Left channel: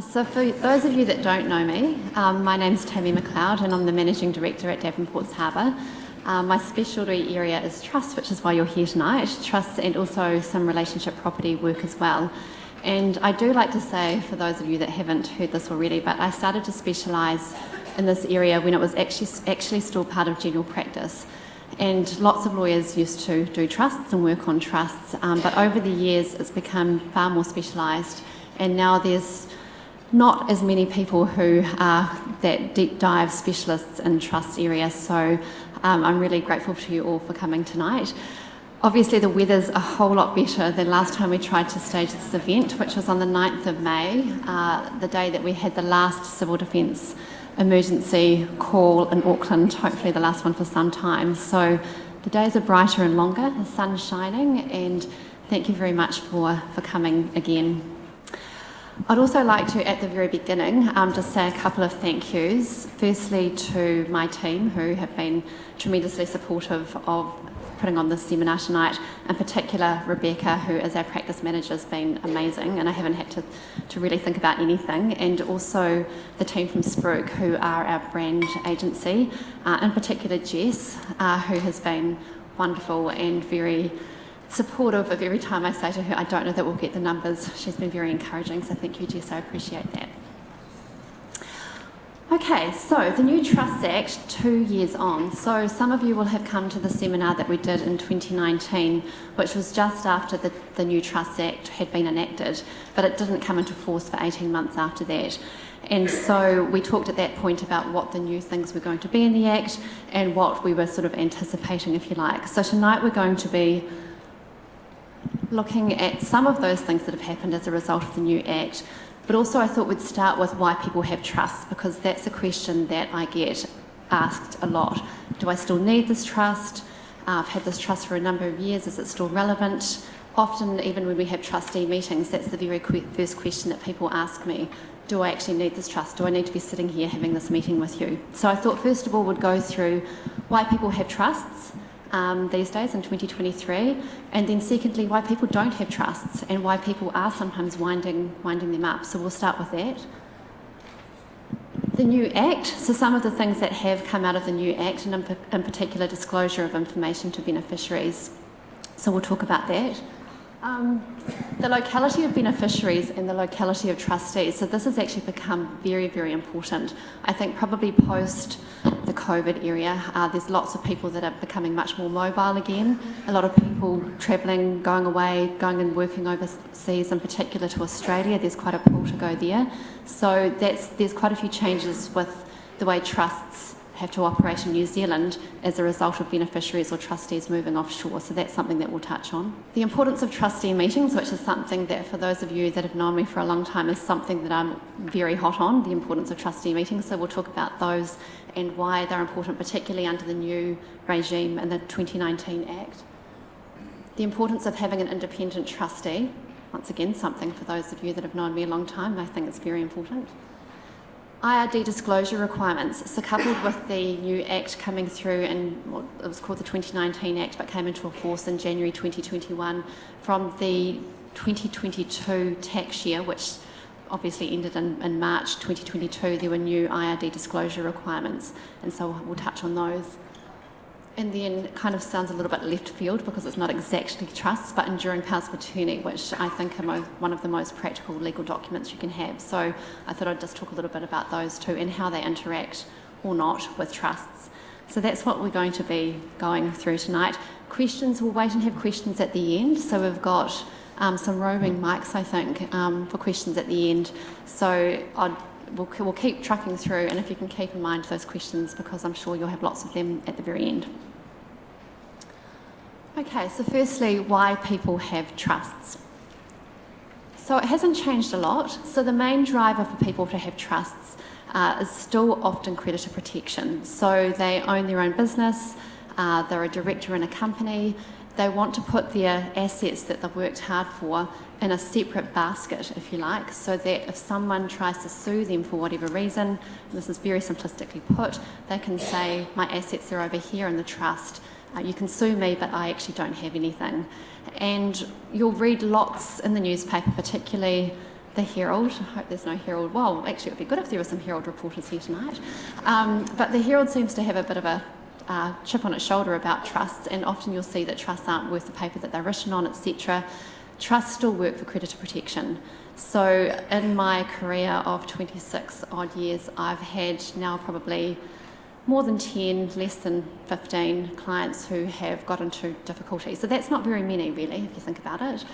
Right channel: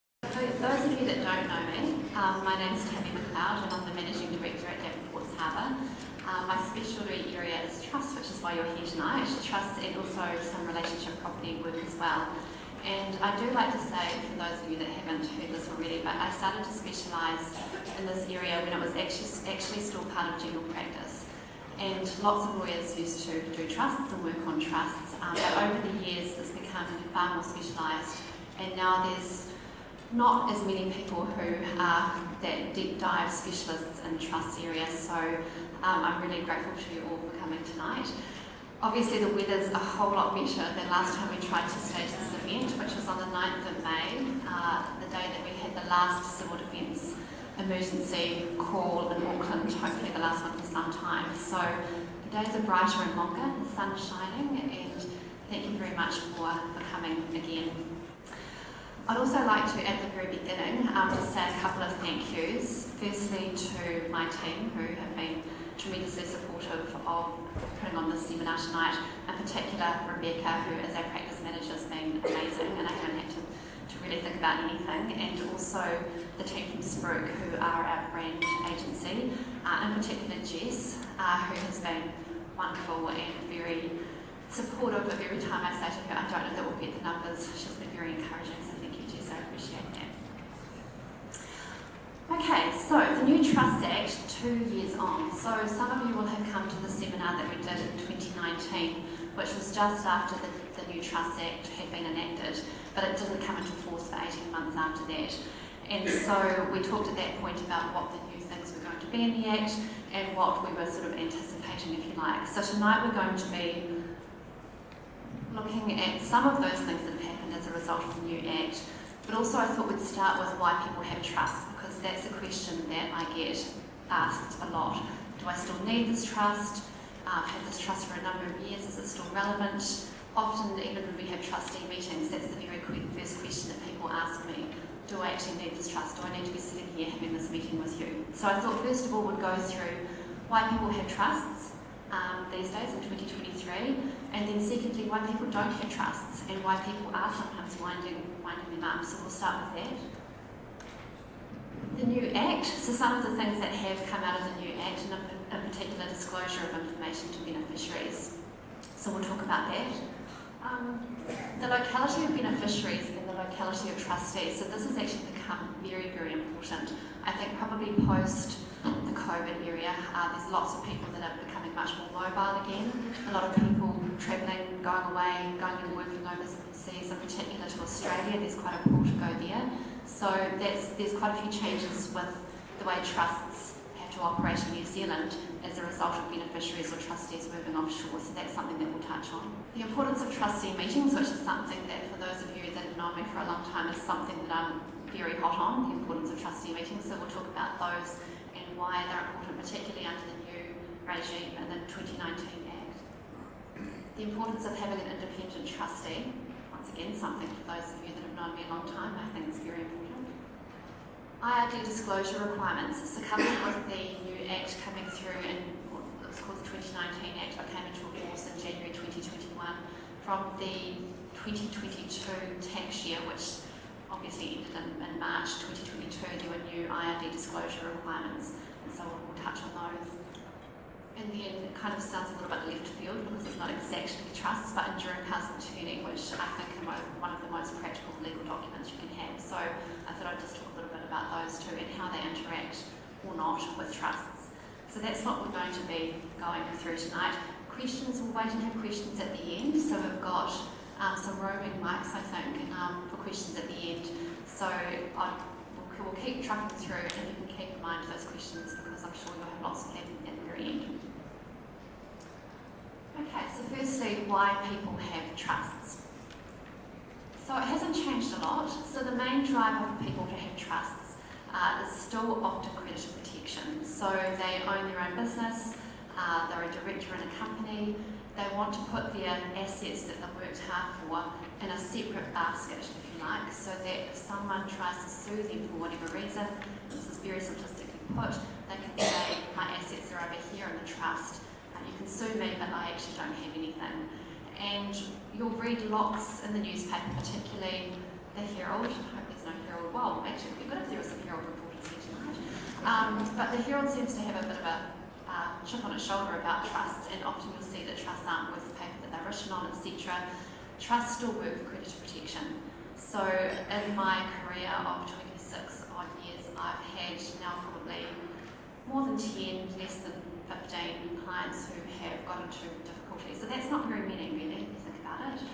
So for those of you that don't know me, my name's Tammy McLeod and I'm the Managing Director at Davenports Harbour. My specialty area is trust, which is why you're here tonight, trusts and also some relationship property work as well. And I do like to say, for those of you that haven't heard this already, but I started to specialise in this area when it was actually still part of general practice. And lots of lawyers used to do trusts and work on trusts, but over the years it's become far more specialised, and now there's not as many people who are that deep dive specialists in trust areas, so I'm really grateful to you all for coming tonight. Obviously the weather's a whole lot better than last time we tried to stage this event, which was on the 9th of May, the day that we had the last civil defence emergency call in Auckland, hopefully the last one for some time. So the days are brighter and longer, the sun's shining, and thank you very much for coming again. I'd also like to, at the very beginning, just say a couple of thank yous. Firstly to my team, who have been tremendously supportive of putting on this seminar tonight. In particular, Rebecca, who is our practice manager, has been amazing, and I haven't had to really think about anything. And also the team from Spruik, who are our brand agency, in particular Jess, who has been wonderful and very supportive of every time I say to her, I don't know that we'll get the numbers. She's been very encouraging, so thank you, Jess, I appreciate that. Okay, so the new Trust Act, 2 years on. So some of you will have come to the seminar that we did in 2019, which was just after the new Trust Act had been enacted, but it didn't come into force for 18 months after that. And so we talked at that point about what the new things were going to be in the Act and what we were sort of anticipating, if you like. So tonight we're going to be looking at some of those things that have happened as a result of the new Act, but also I thought we'd start with why people have trusts, because that's a question that I get asked a lot. Do I still need this trust? I've had this trust for a number of years, is it still relevant? Often, even when we have trustee meetings, that's the very first question that people ask me. Do I actually need this trust? Do I need to be sitting here having this meeting with you? So I thought first of all we'd go through why people have trusts these days in 2023, and then secondly why people don't have trusts and why people are sometimes winding them up. So we'll start with that. The new Act, so some of the things that have come out of the new Act, and in particular disclosure of information to beneficiaries. So we'll talk about that. The locality of beneficiaries and the locality of trustees. So this has actually become very, very important. I think probably post the COVID area, there's lots of people that are becoming much more mobile again. A lot of people travelling, going away, going and working overseas, in particular to Australia. There's quite a pull to go there. So there's quite a few changes with the way trusts have to operate in New Zealand as a result of beneficiaries or trustees moving offshore, so that's something that we'll touch on. The importance of trustee meetings, which is something that for those of you that have known me for a long time is something that I'm very hot on, the importance of trustee meetings, so we'll talk about those and why they're important, particularly under the new regime in the 2019 Act. The importance of having an independent trustee, once again something for those of you that have known me a long time, I think it's very important. IRD disclosure requirements, so coupled with the new Act coming through in what it was called the 2019 Act but came into force in January 2021 from the 2022 tax year, which obviously ended in March 2022, there were new IRD disclosure requirements, and so we'll touch on those. And then it kind of sounds a little bit left field because it's not exactly trusts, but enduring powers of attorney, which I think are one of the most practical legal documents you can have. So I thought I'd just talk a little bit about those two and how they interact or not with trusts. So that's what we're going to be going through tonight. Questions, we'll wait and have questions at the end. So we've got some roaming mics, I think, for questions at the end. So we'll keep trucking through, and if you can keep in mind those questions, because I'm sure you'll have lots of them at the very end. Okay, so firstly, why people have trusts. So it hasn't changed a lot. So the main driver for people to have trusts is still often creditor protection. So they own their own business, they're a director in a company, they want to put their assets that they've worked hard for in a separate basket, if you like, so that if someone tries to sue them for whatever reason, and this is very simplistically put, they can say, my assets are over here in the trust, you can sue me, but I actually don't have anything. And you'll read lots in the newspaper, particularly the Herald. I hope there's no Herald. Well, actually it would be good if there were some Herald reporters here tonight. But the Herald seems to have a bit of a chip on its shoulder about trusts, and often you'll see that trusts aren't worth the paper that they're written on, etc. Trusts still work for creditor protection. So in my career of 26 odd years, I've had now probably more than 10, less than 15 clients who have got into difficulty. So that's not very many really, if you think about it,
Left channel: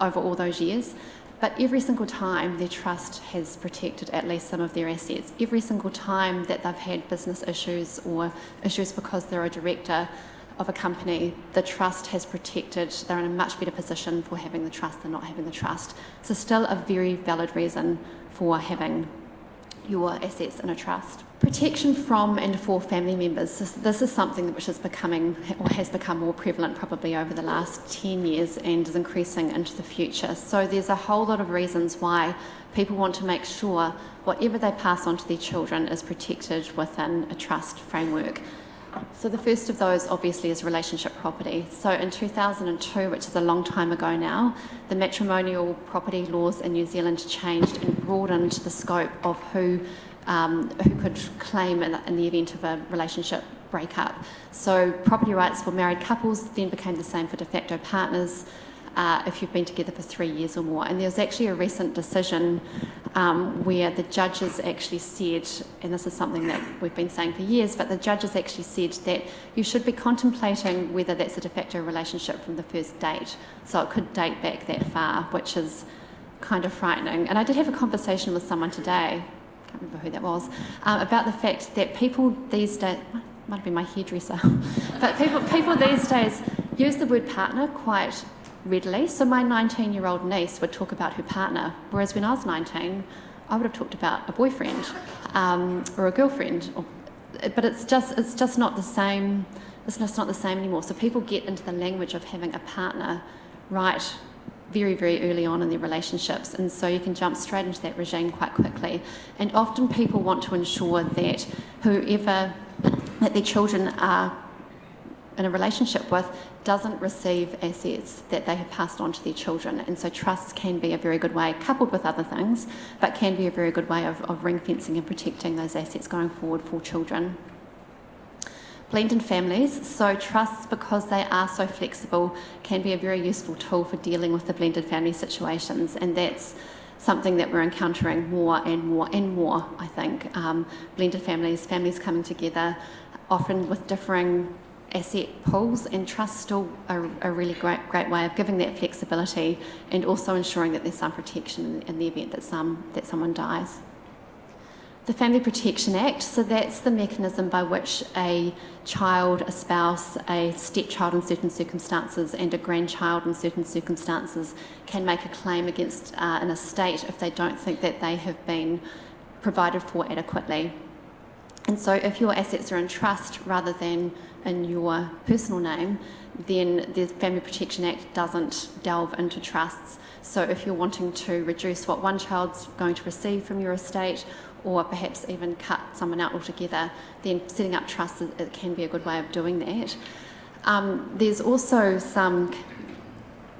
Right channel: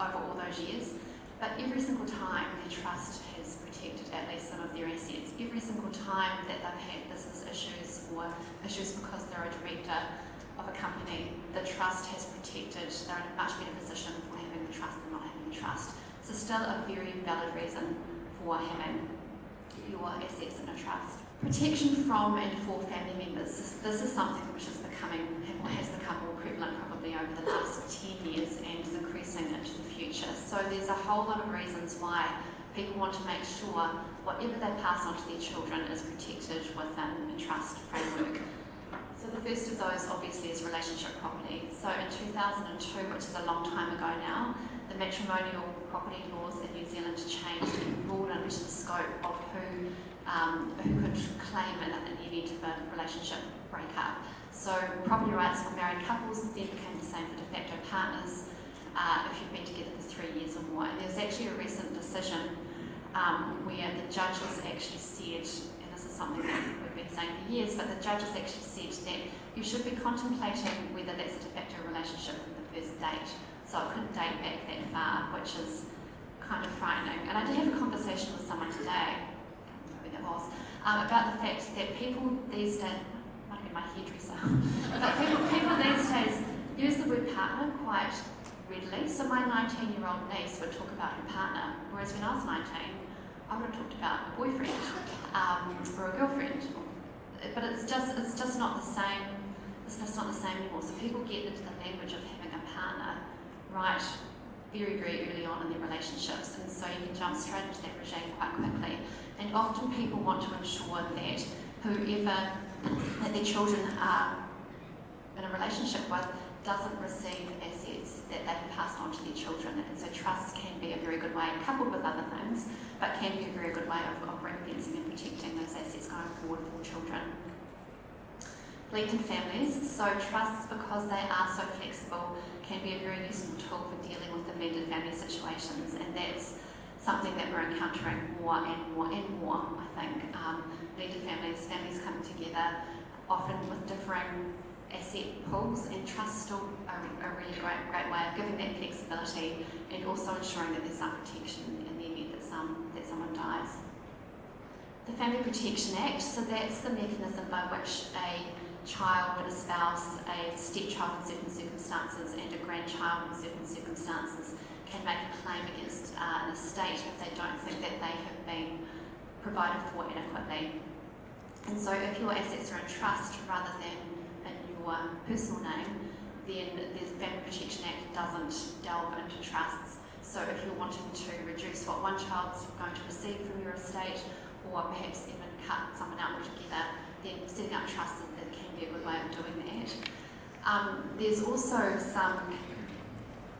over all those years. But every single time their trust has protected at least some of their assets. Every single time that they've had business issues or issues because they're a director of a company, the trust has protected, they're in a much better position for having the trust than not having the trust. So still a very valid reason for having your assets in a trust. Protection from and for family members. This is something which is becoming, or has become more prevalent probably over the last 10 years and is increasing into the future. So there's a whole lot of reasons why people want to make sure whatever they pass on to their children is protected within a trust framework. So the first of those obviously is relationship property. So in 2002, which is a long time ago now, the matrimonial property laws in New Zealand changed and broadened the scope of who could claim in the event of a relationship breakup. So property rights for married couples then became the same for de facto partners if you've been together for 3 years or more. And there was actually a recent decision where the judges actually said, and this is something that we've been saying for years, but the judges actually said that you should be contemplating whether that's a de facto relationship from the first date. So it could date back that far, which is kind of frightening. And I did have a conversation with someone today, I can't remember who that was, about the fact that people these days, might have been my hairdresser, but people these days use the word partner quite readily. So my 19-year-old niece would talk about her partner, whereas when I was 19, I would have talked about a boyfriend or a girlfriend. But it's just not the same. It's just not the same anymore. So people get into the language of having a partner right very, very early on in their relationships, and so you can jump straight into that regime quite quickly. And often people want to ensure that whoever that their children are in a relationship with doesn't receive assets that they have passed on to their children. And so trusts can be a very good way, coupled with other things, but can be a very good way of ring fencing and protecting those assets going forward for children. Blended families, so trusts, because they are so flexible, can be a very useful tool for dealing with the blended family situations, and that's something that we're encountering more and more and more, I think. Blended families coming together, often with differing asset pools, and trusts still are a really great way of giving that flexibility and also ensuring that there's some protection in the event that someone dies. The Family Protection Act, so that's the mechanism by which a child, a spouse, a stepchild in certain circumstances and a grandchild in certain circumstances can make a claim against an estate if they don't think that they have been provided for adequately. And so if your assets are in trust rather than in your personal name, then the Family Protection Act doesn't delve into trusts. So if you're wanting to reduce what one child's going to receive from your estate, or perhaps even cut someone out altogether, then setting up trusts, it can be a good way of doing that. There's also some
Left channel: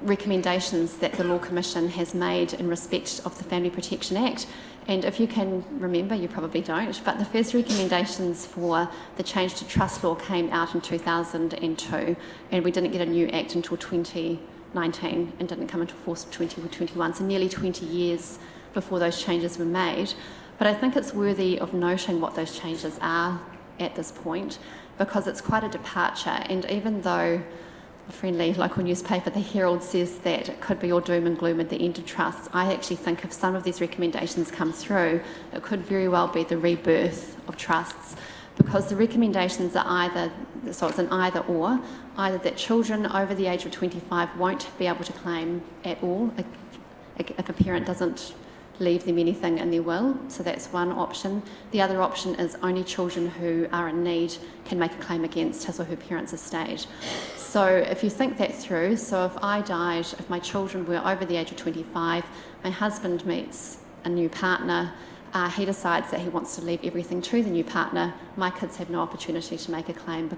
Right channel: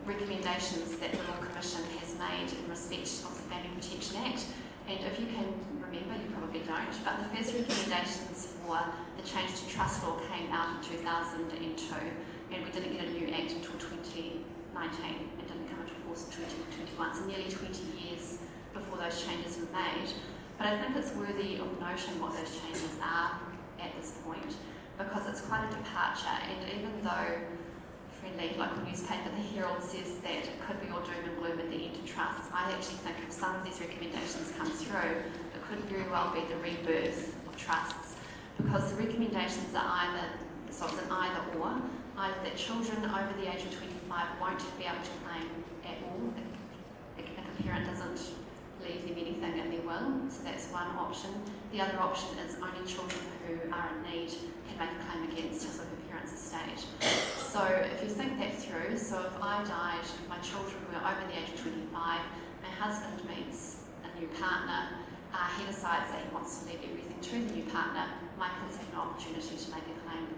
recommendations that the Law Commission has made in respect of the Family Protection Act. And if you can remember, you probably don't, but the first recommendations for the change to trust law came out in 2002, and we didn't get a new act until 2019 and didn't come into force until 2021, so nearly 20 years before those changes were made. But I think it's worthy of noting what those changes are at this point, because it's quite a departure, and even though a friendly local newspaper, the Herald, says that it could be all doom and gloom at the end of trusts, I actually think if some of these recommendations come through, it could very well be the rebirth of trusts, because the recommendations are either, so it's an either or, either that children over the age of 25 won't be able to claim at all if a parent doesn't leave them anything in their will, so that's one option. The other option is only children who are in need can make a claim against his or her parents' estate. So if you think that through, so if I died, if my children were over the age of 25, my husband meets a new partner, he decides that he wants to leave everything to the new partner, my kids have no opportunity to make a claim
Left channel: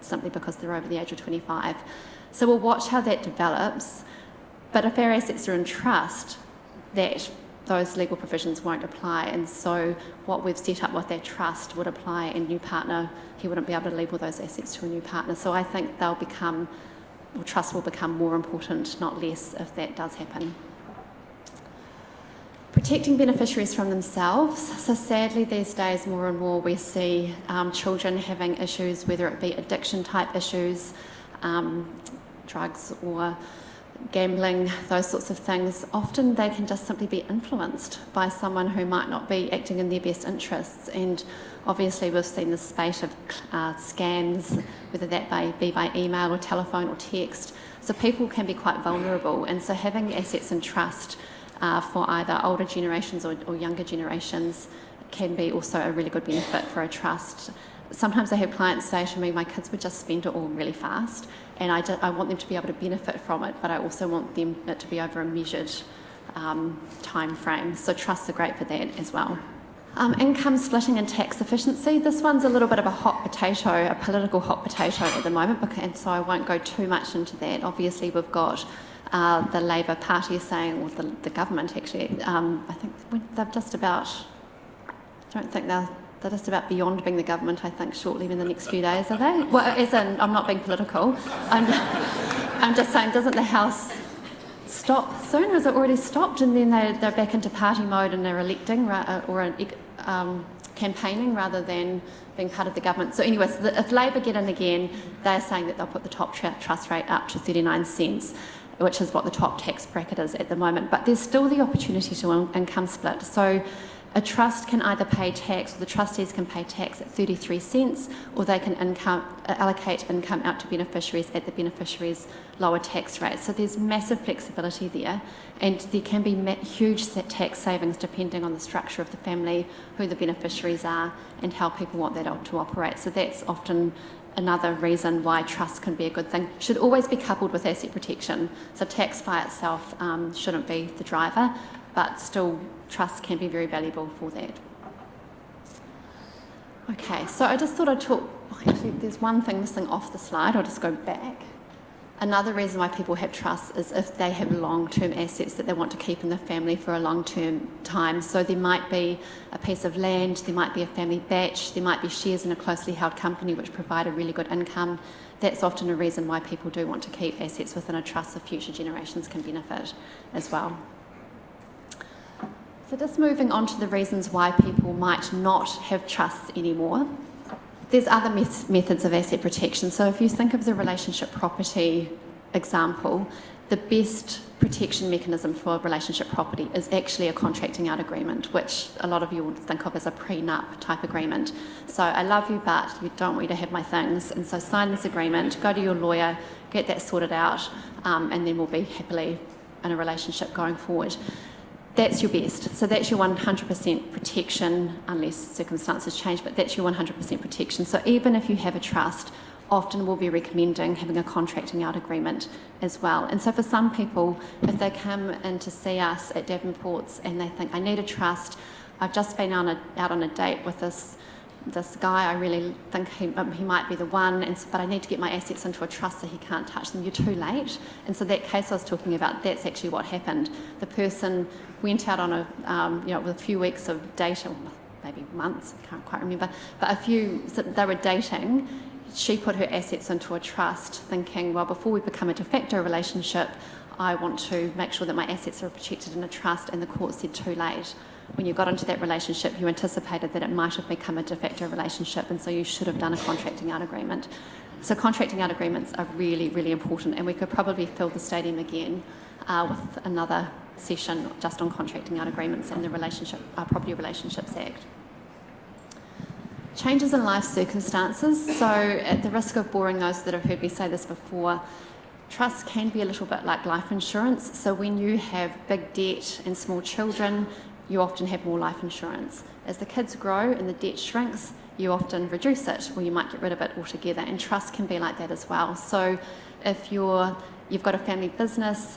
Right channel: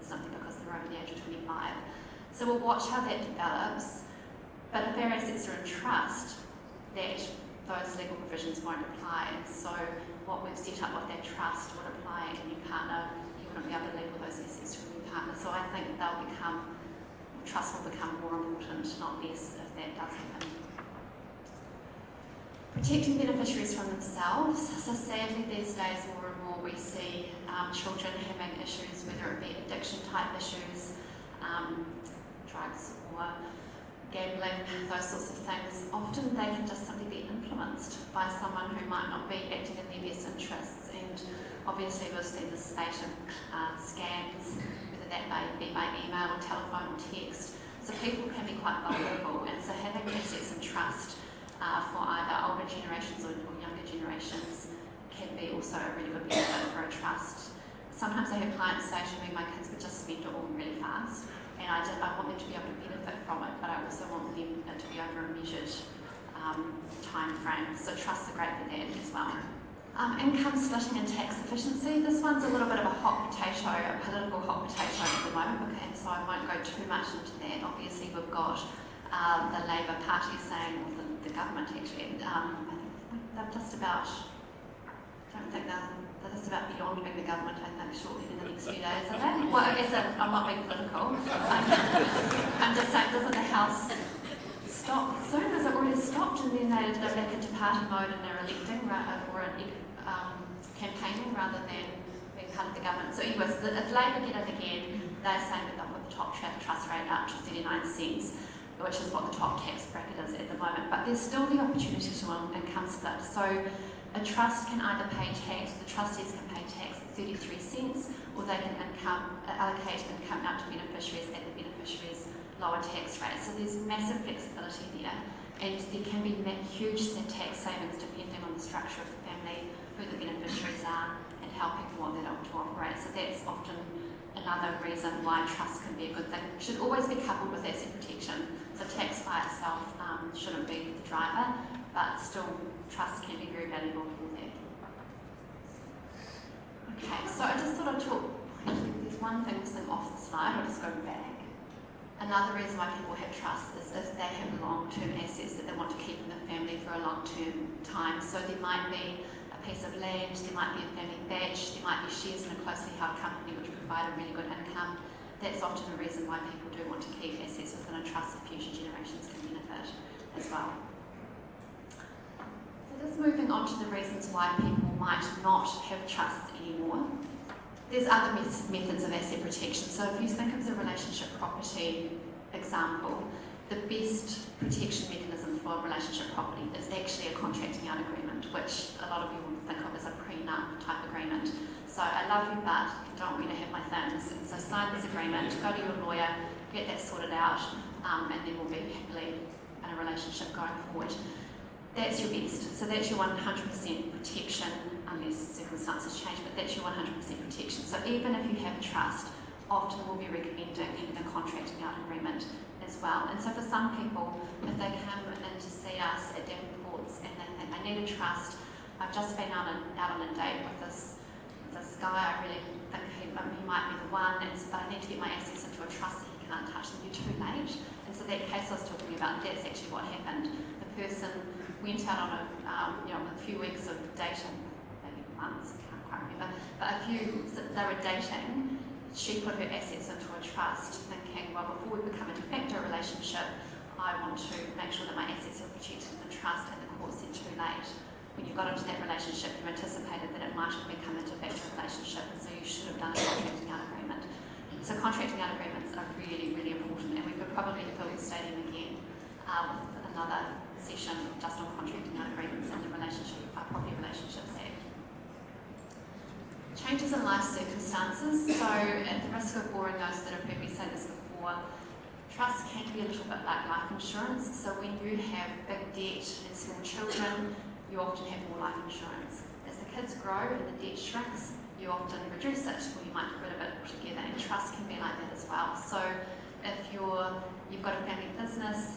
simply because they're over the age of 25. So we'll watch how that develops, but if our assets are in trust, that those legal provisions won't apply, and so what we've set up with that trust would apply, and new partner, he wouldn't be able to leave all those assets to a new partner. So I think trust will become more important, not less, if that does happen. Protecting beneficiaries from themselves. So sadly these days more and more we see children having issues, whether it be addiction type issues, drugs or gambling, those sorts of things. Often they can just simply be influenced by someone who might not be acting in their best interests, and obviously we've seen the spate of scams, whether that be by email or telephone or text. So people can be quite vulnerable, and so having assets in trust for either older generations or younger generations can be also a really good benefit for a trust. Sometimes I have clients say to me, my kids would just spend it all really fast, and I want them to be able to benefit from it, but I also want it to be over a measured time frame. So trusts are great for that as well. Income splitting and tax efficiency. This one's a little bit of a hot potato, a political hot potato at the moment, and so I won't go too much into that. Obviously we've got the Labour Party saying, or the government actually, I think they're just about, I don't think they're just about beyond being the government, I think, shortly in the next few days, are they? Well, as in, I'm not being political. I'm just saying, doesn't the House stop soon? Has it already stopped? And then they're back into party mode and they're electing or campaigning rather than being part of the government. So anyways, if Labour get in again, they're saying that they'll put the top trust rate up to 39 cents, which is what the top tax bracket is at the moment. But there's still the opportunity to income split. So a trust can either pay tax, or the trustees can pay tax at 33 cents, or they can allocate income out to beneficiaries at the beneficiary's lower tax rate. So there's massive flexibility there, and there can be huge tax savings depending on the structure of the family, who the beneficiaries are, and how people want that to operate. So that's often another reason why trust can be a good thing. Should always be coupled with asset protection. So tax by itself shouldn't be the driver, but still trust can be very valuable for that. Okay, so I just thought I'd talk, actually there's one thing missing off the slide, I'll just go back. Another reason why people have trust is if they have long-term assets that they want to keep in the family for a long-term time. So there might be a piece of land, there might be a family batch, there might be shares in a closely held company which provide a really good income. That's often a reason why people do want to keep assets within a trust so future generations can benefit as well. So just moving on to the reasons why people might not have trusts anymore. There's other methods of asset protection. So if you think of the relationship property example, the best protection mechanism for relationship property is actually a contracting out agreement, which a lot of you would think of as a prenup type agreement. So I love you, but you don't want me to have my things, and so sign this agreement, go to your lawyer, get that sorted out, and then we'll be happily in a relationship going forward. That's your best. So that's your 100% protection, unless circumstances change, but that's your 100% protection. So even if you have a trust, often we'll be recommending having a contracting out agreement as well. And so for some people, if they come in to see us at Davenports and they think, I need a trust, I've just been out on a date with this guy, I really think he might be the one, but I need to get my assets into a trust so he can't touch them. You're too late. And so that case I was talking about, that's actually what happened. The person went out on with a few weeks of dating, maybe months, I can't quite remember, but they were dating. She put her assets into a trust thinking, well, before we become a de facto relationship, I want to make sure that my assets are protected in a trust, and the court said too late. When you got into that relationship, you anticipated that it might have become a de facto relationship, and so you should have done a contracting out agreement. So contracting out agreements are really, really important, and we could probably fill the stadium again with another session just on contracting out agreements and the Property Relationships Act. Changes in life circumstances. So at the risk of boring those that have heard me say this before, trusts can be a little bit like life insurance. So when you have big debt and small children, you often have more life insurance. As the kids grow and the debt shrinks, you often reduce it, or you might get rid of it altogether, and trust can be like that as well. So if you've got a family business,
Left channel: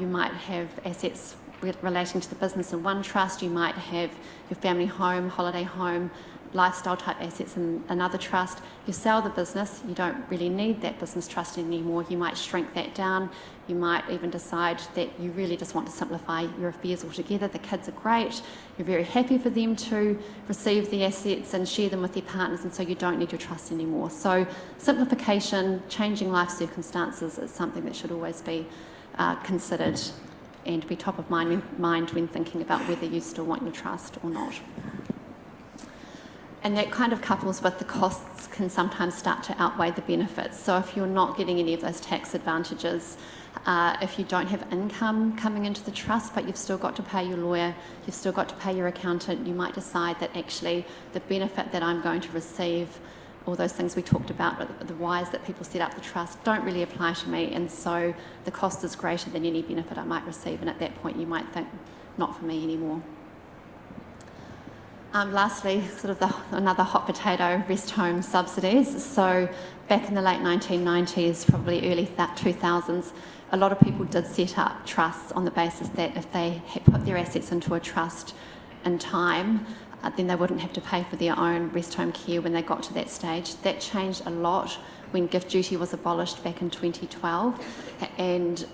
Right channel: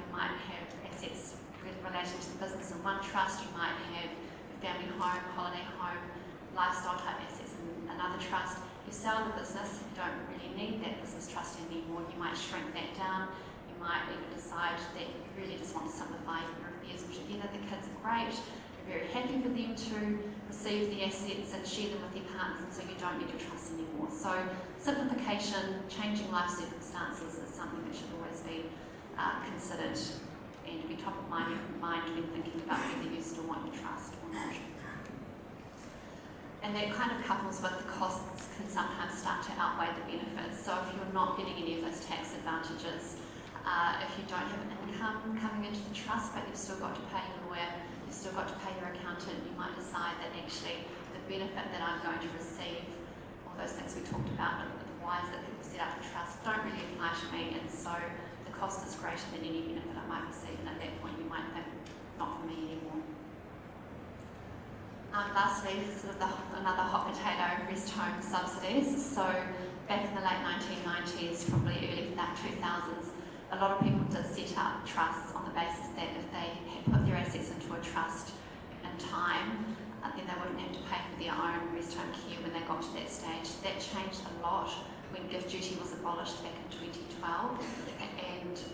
you might have assets relating to the business in one trust, you might have your family home, holiday home, lifestyle type assets in another trust. You sell the business, you don't really need that business trust anymore. You might shrink that down. You might even decide that you really just want to simplify your affairs altogether. The kids are great. You're very happy for them to receive the assets and share them with their partners, and so you don't need your trust anymore. So simplification, changing life circumstances is something that should always be considered and be top of mind when thinking about whether you still want your trust or not. And that kind of couples with the costs can sometimes start to outweigh the benefits. So if you're not getting any of those tax advantages, if you don't have income coming into the trust, but you've still got to pay your lawyer, you've still got to pay your accountant, you might decide that actually the benefit that I'm going to receive, all those things we talked about, the whys that people set up the trust, don't really apply to me, and so the cost is greater than any benefit I might receive, and at that point you might think, not for me anymore. Lastly, sort of another hot potato, rest home subsidies. So back in the late 1990s, probably early 2000s, a lot of people did set up trusts on the basis that if they had put their assets into a trust in time, then they wouldn't have to pay for their own rest home care when they got to that stage. That changed a lot when gift duty was abolished back in 2012, and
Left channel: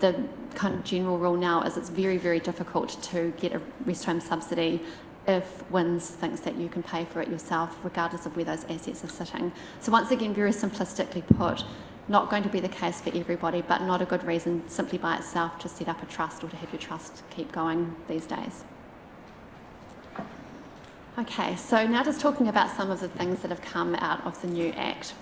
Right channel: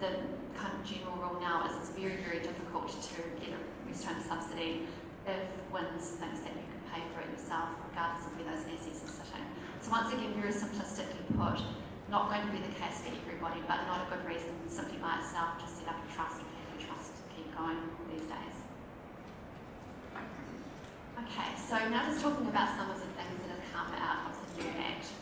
the kind of general rule now is it's very, very difficult to get a rest home subsidy if WINS thinks that you can pay for it yourself, regardless of where those assets are sitting. So once again, very simplistically put, not going to be the case for everybody, but not a good reason simply by itself to set up a trust or to have your trust keep going these days. Okay, so now just talking about some of the things that have come out of the new Act.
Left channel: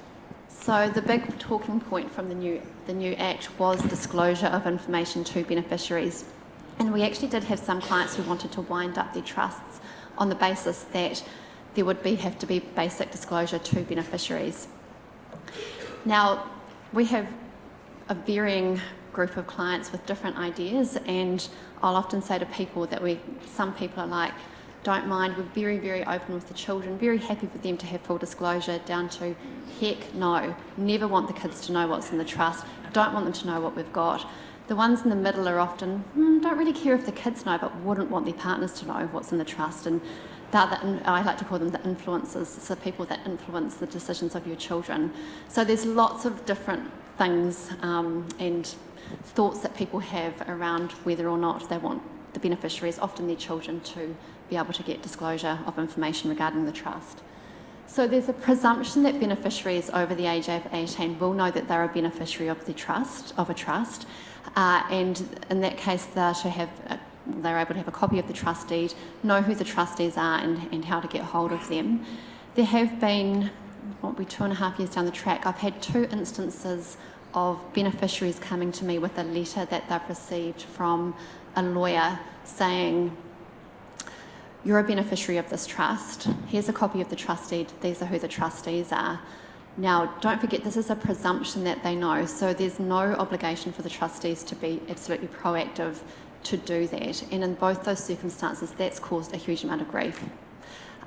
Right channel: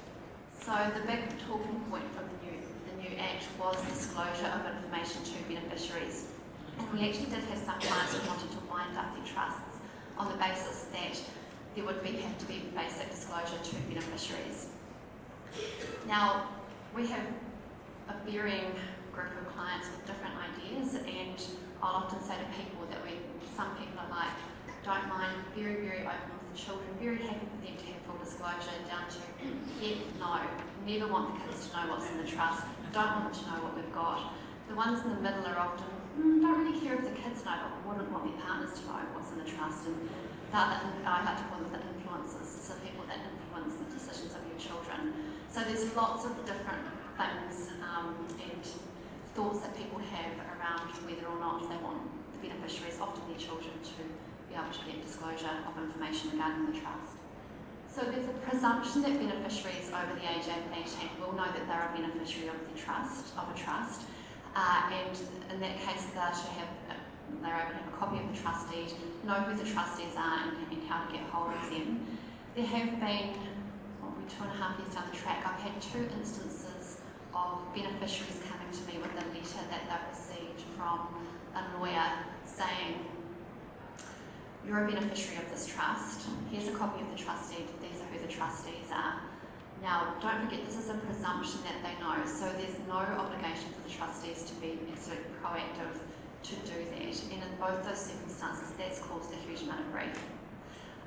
So the big talking point from the new Act was disclosure of information to beneficiaries. And we actually did have some clients who wanted to wind up their trusts on the basis that there would have to be basic disclosure to beneficiaries. Now, we have a varying group of clients with different ideas, and I'll often say to people that some people are like, don't mind, we're very, very open with the children, very happy for them to have full disclosure, down to heck no, never want the kids to know what's in the trust, don't want them to know what we've got. The ones in the middle are often, don't really care if the kids know, but wouldn't want their partners to know what's in the trust. And I like to call them the influencers, so people that influence the decisions of your children. So there's lots of different things and thoughts that people have around whether or not they want the beneficiaries, often their children, to be able to get disclosure of information regarding the trust. So there's a presumption that beneficiaries over the age of 18 will know that they're a beneficiary of a trust, and in that case they're able to have a copy of the trust deed, know who the trustees are and how to get hold of them. There have been, 2.5 years down the track, I've had 2 instances of beneficiaries coming to me with a letter that they've received from a lawyer saying, you're a beneficiary of this trust, here's a copy of the trust deed, these are who the trustees are. Now, don't forget, this is a presumption that they know, so there's no obligation for the trustees to be absolutely proactive to do that. And in both those circumstances, that's caused a huge amount of grief.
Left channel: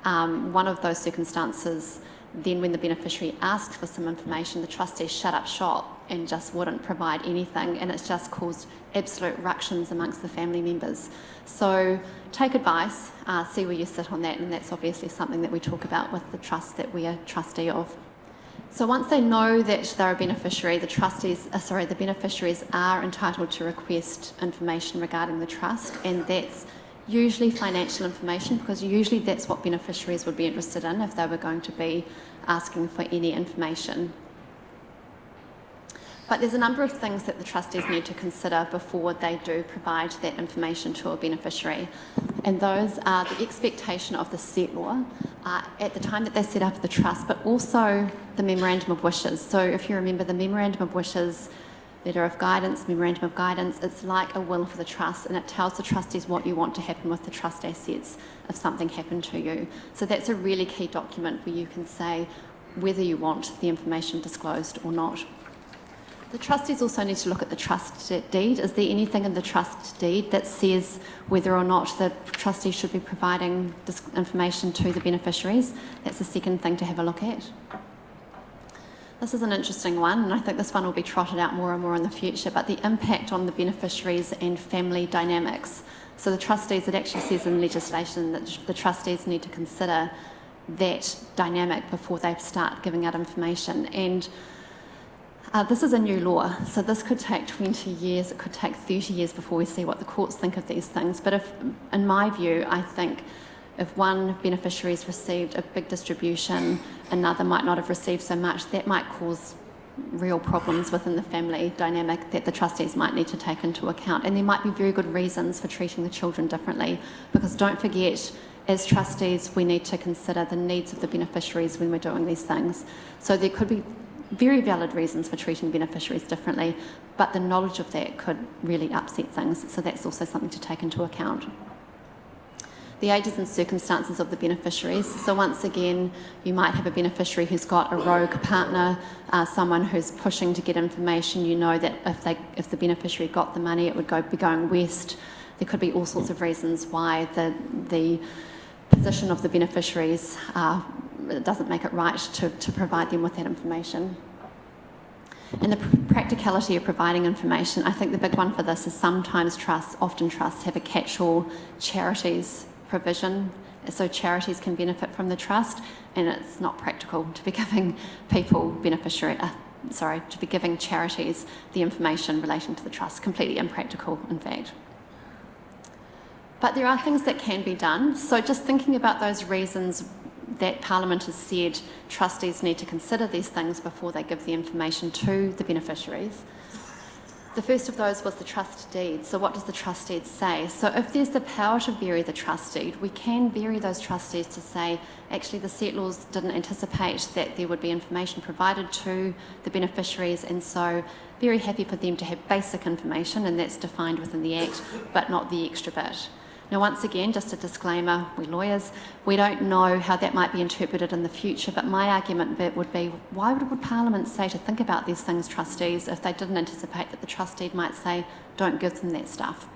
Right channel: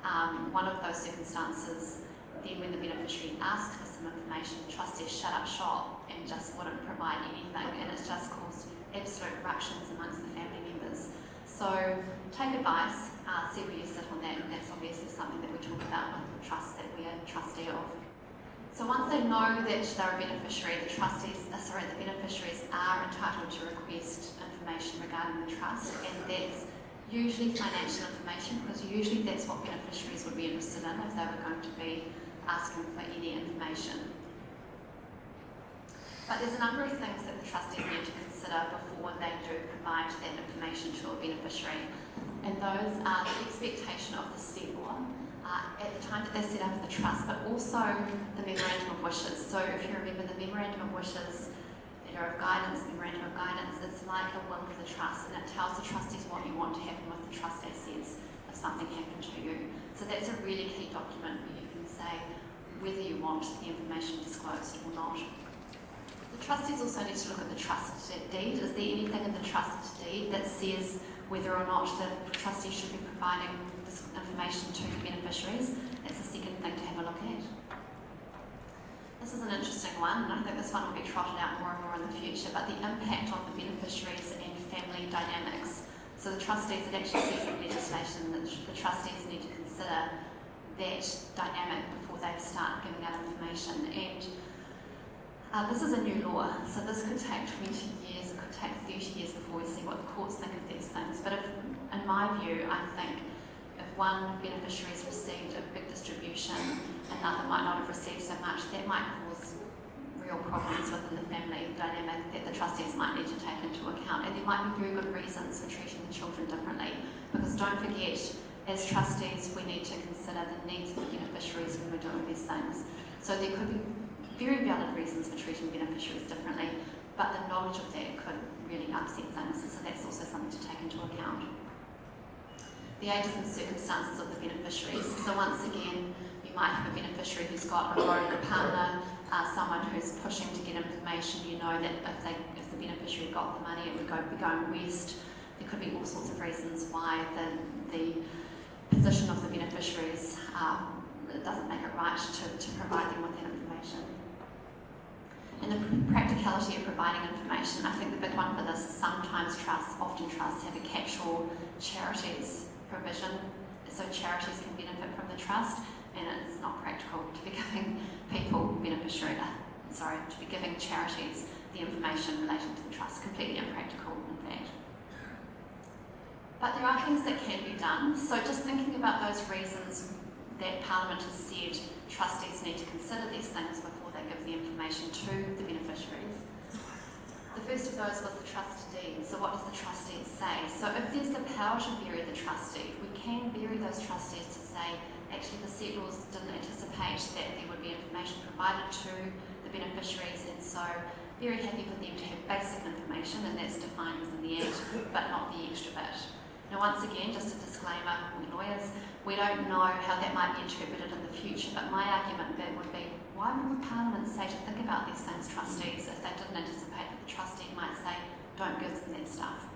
One of those circumstances, then when the beneficiary asked for some information, the trustees shut up shop and just wouldn't provide anything, and it's just caused absolute ructions amongst the family members. So take advice, see where you sit on that, and that's obviously something that we talk about with the trust that we are trustee of. So once they know that they're a beneficiary, the beneficiaries are entitled to request information regarding the trust, and that's usually financial information, because usually that's what beneficiaries would be interested in if they were going to be asking for any information. But there's a number of things that the trustees need to consider before they do provide that information to a beneficiary. And those are the expectation of the settlor at the time that they set up the trust, but also the memorandum of wishes. So if you remember the memorandum of wishes, letter of guidance, memorandum of guidance, it's like a will for the trust, and it tells the trustees what you want to happen with the trust assets if something happened to you. So that's a really key document where you can say whether you want the information disclosed or not. The trustees also need to look at the trust deed. Is there anything in the trust deed that says whether or not the trustee should be providing this information to the beneficiaries? That's the second thing to have a look at. This is an interesting one, and I think this one will be trotted out more and more in the future, but the impact on the beneficiaries and family dynamics. So the trustees, it actually says in legislation that the trustees need to consider that dynamic before they start giving out information. And this is a new law, so this could take 20 years, it could take 30 years before we see what the courts think of these things. But in my view, I think if one beneficiary has received a big distribution, another might not have received so much, that might cause real problems within the family dynamic that the trustees might need to take into account. And there might be very good reasons for treating the children differently, because don't forget, as trustees, we need to consider the needs of the beneficiaries when we're doing these things. So there could be very valid reasons for treating beneficiaries differently, but the knowledge of that could really upset things, so that's also something to take into account. The ages and circumstances of the beneficiaries. So once again, you might have a beneficiary who's got a rogue partner, someone who's pushing to get information. You know that if the beneficiary got the money, it would be going west. There could be all sorts of reasons why the position of the beneficiaries it doesn't make it right to provide them with that information. And the practicality of providing information, I think the big one for this is sometimes often trusts have a catch-all charities provision, so charities can benefit from the trust, and it's not practical to be giving to be giving charities the information relating to the trust. Completely impractical, in fact. But there are things that can be done. So just thinking about those reasons that Parliament has said trustees need to consider these things before they give the information to the beneficiaries. The first of those was the trust deed. So what does the trust deed say? So if there's the power to vary the trust deed, we can vary those trust deeds to say, actually the settlors didn't anticipate that there would be information provided to the beneficiaries, and so very happy for them to have basic information, and that's defined within the Act, but not the extra bit. Now, once again, just a disclaimer, we lawyers, we don't know how that might be interpreted in the future, but my argument would be, why would Parliament say to think about these things, trustees, if they didn't anticipate that the trustee might say, don't give them that stuff?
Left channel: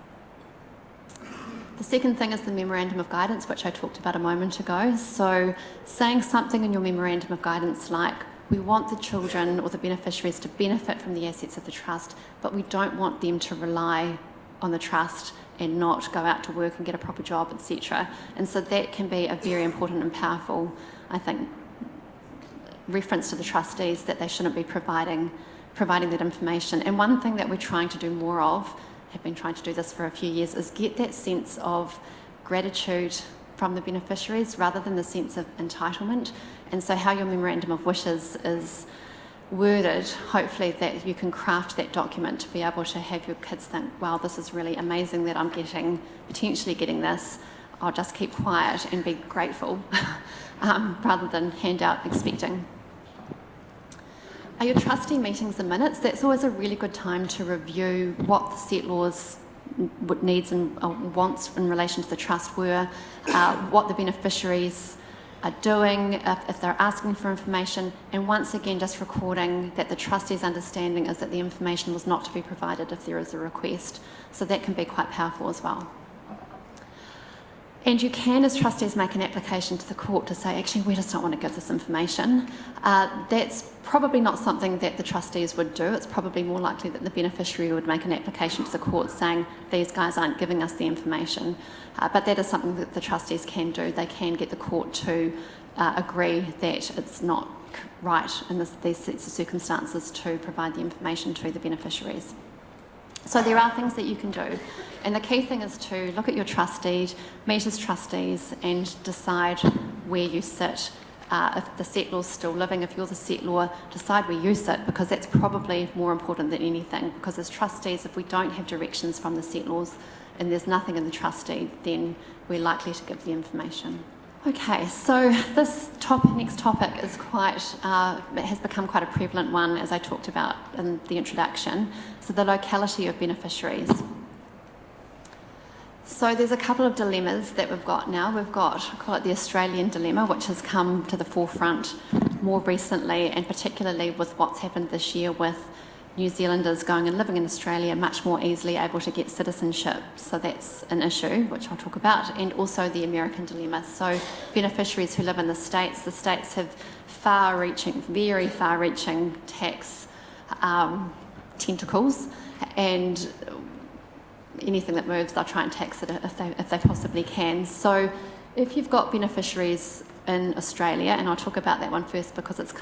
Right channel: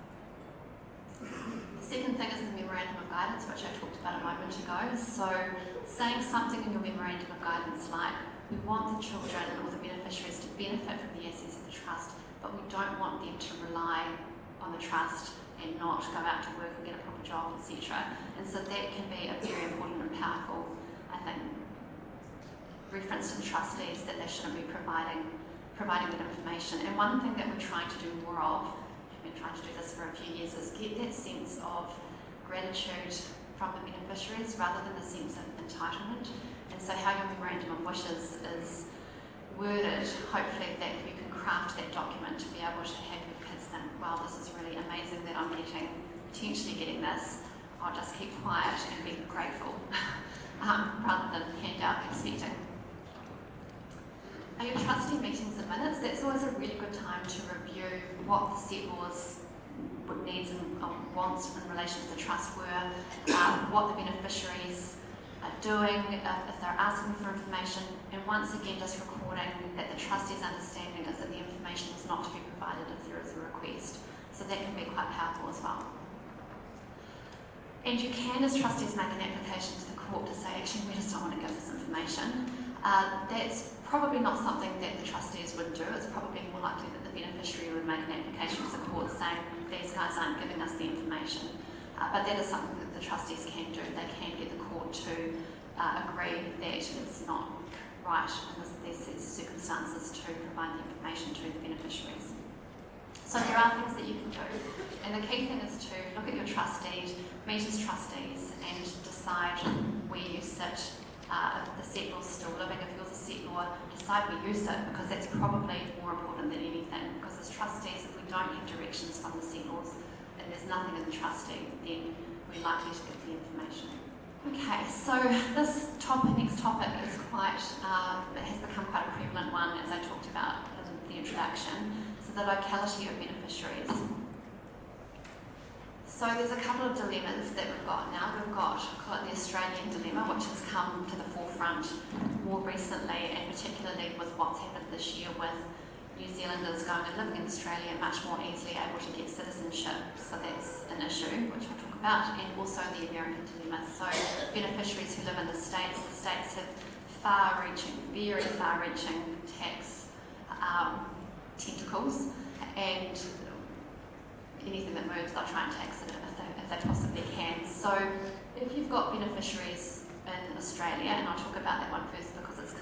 The second thing is the Memorandum of Guidance, which I talked about a moment ago. So saying something in your Memorandum of Guidance like, we want the children or the beneficiaries to benefit from the assets of the trust, but we don't want them to rely on the trust and not go out to work and get a proper job, etc. And so that can be a very important and powerful, I think, reference to the trustees that they shouldn't be providing that information. And one thing that we're trying to do more of, have been trying to do this for a few years, is get that sense of gratitude from the beneficiaries rather than the sense of entitlement. And so how your Memorandum of Wishes is worded, hopefully that you can craft that document to be able to have your kids think, wow, this is really amazing that I'm potentially getting this. I'll just keep quiet and be grateful rather than hand out expecting. Your trustee meetings and minutes, that's always a really good time to review what the settlors' needs and wants in relation to the trust were, what the beneficiaries are doing, if they're asking for information, and once again just recording that the trustee's understanding is that the information was not to be provided if there is a request. So that can be quite powerful as well. And you can, as trustees, make an application to the court to say, actually, we just don't want to give this information. That's probably not something that the trustees would do. It's probably more likely that the beneficiary would make an application to the court saying, these guys aren't giving us the information. But that is something that the trustees can do. They can get the court to agree that it's not right in these sets of circumstances to provide the information to the beneficiaries. So there are things that you can do. And the key thing is to look at your trust deed, meet as trustees, and decide where you sit. If the settlor's still living, if you're the settlor, decide where you sit, because that's probably more important than anything. Because as trustees, if we don't have directions from the settlors and there's nothing in the trust deed, then we're likely to give the information. Okay, so this next topic is it has become quite a prevalent one, as I talked about in the introduction. So the locality of beneficiaries. So there's a couple of dilemmas that we've got now. We've got, I call it the Australian dilemma, which has come to the forefront more recently, and particularly with what's happened this year with New Zealanders going and living in Australia much more easily able to get citizenship. So that's an issue, which I'll talk about, and also the American dilemma. So beneficiaries who live in the States have very far-reaching tax tentacles, and anything that moves, they'll try and tax it if they possibly can. So if you've got beneficiaries in Australia, and I'll talk about that one first because it's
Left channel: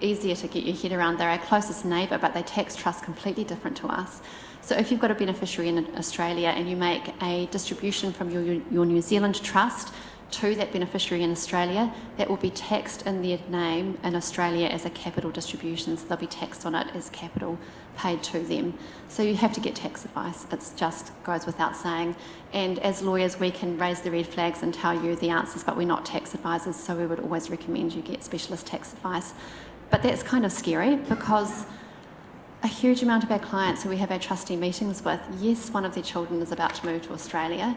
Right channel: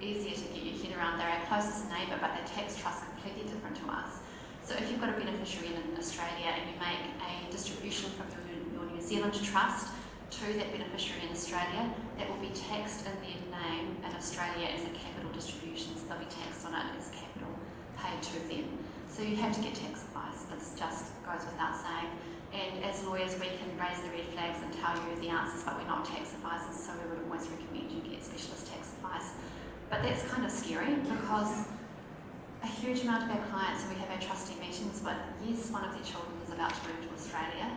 easier to get your head around. They're our closest neighbour, but they tax trusts completely different to us. So if you've got a beneficiary in Australia and you make a distribution from your New Zealand trust to that beneficiary in Australia, that will be taxed in their name in Australia as a capital distribution, so they'll be taxed on it as capital paid to them. So you have to get tax advice. It just goes without saying. And as lawyers, we can raise the red flags and tell you the answers, but we're not tax advisors, so we would always recommend you get specialist tax advice. But that's kind of scary because a huge amount of our clients who we have our trustee meetings with, yes, one of their children is about to move to Australia.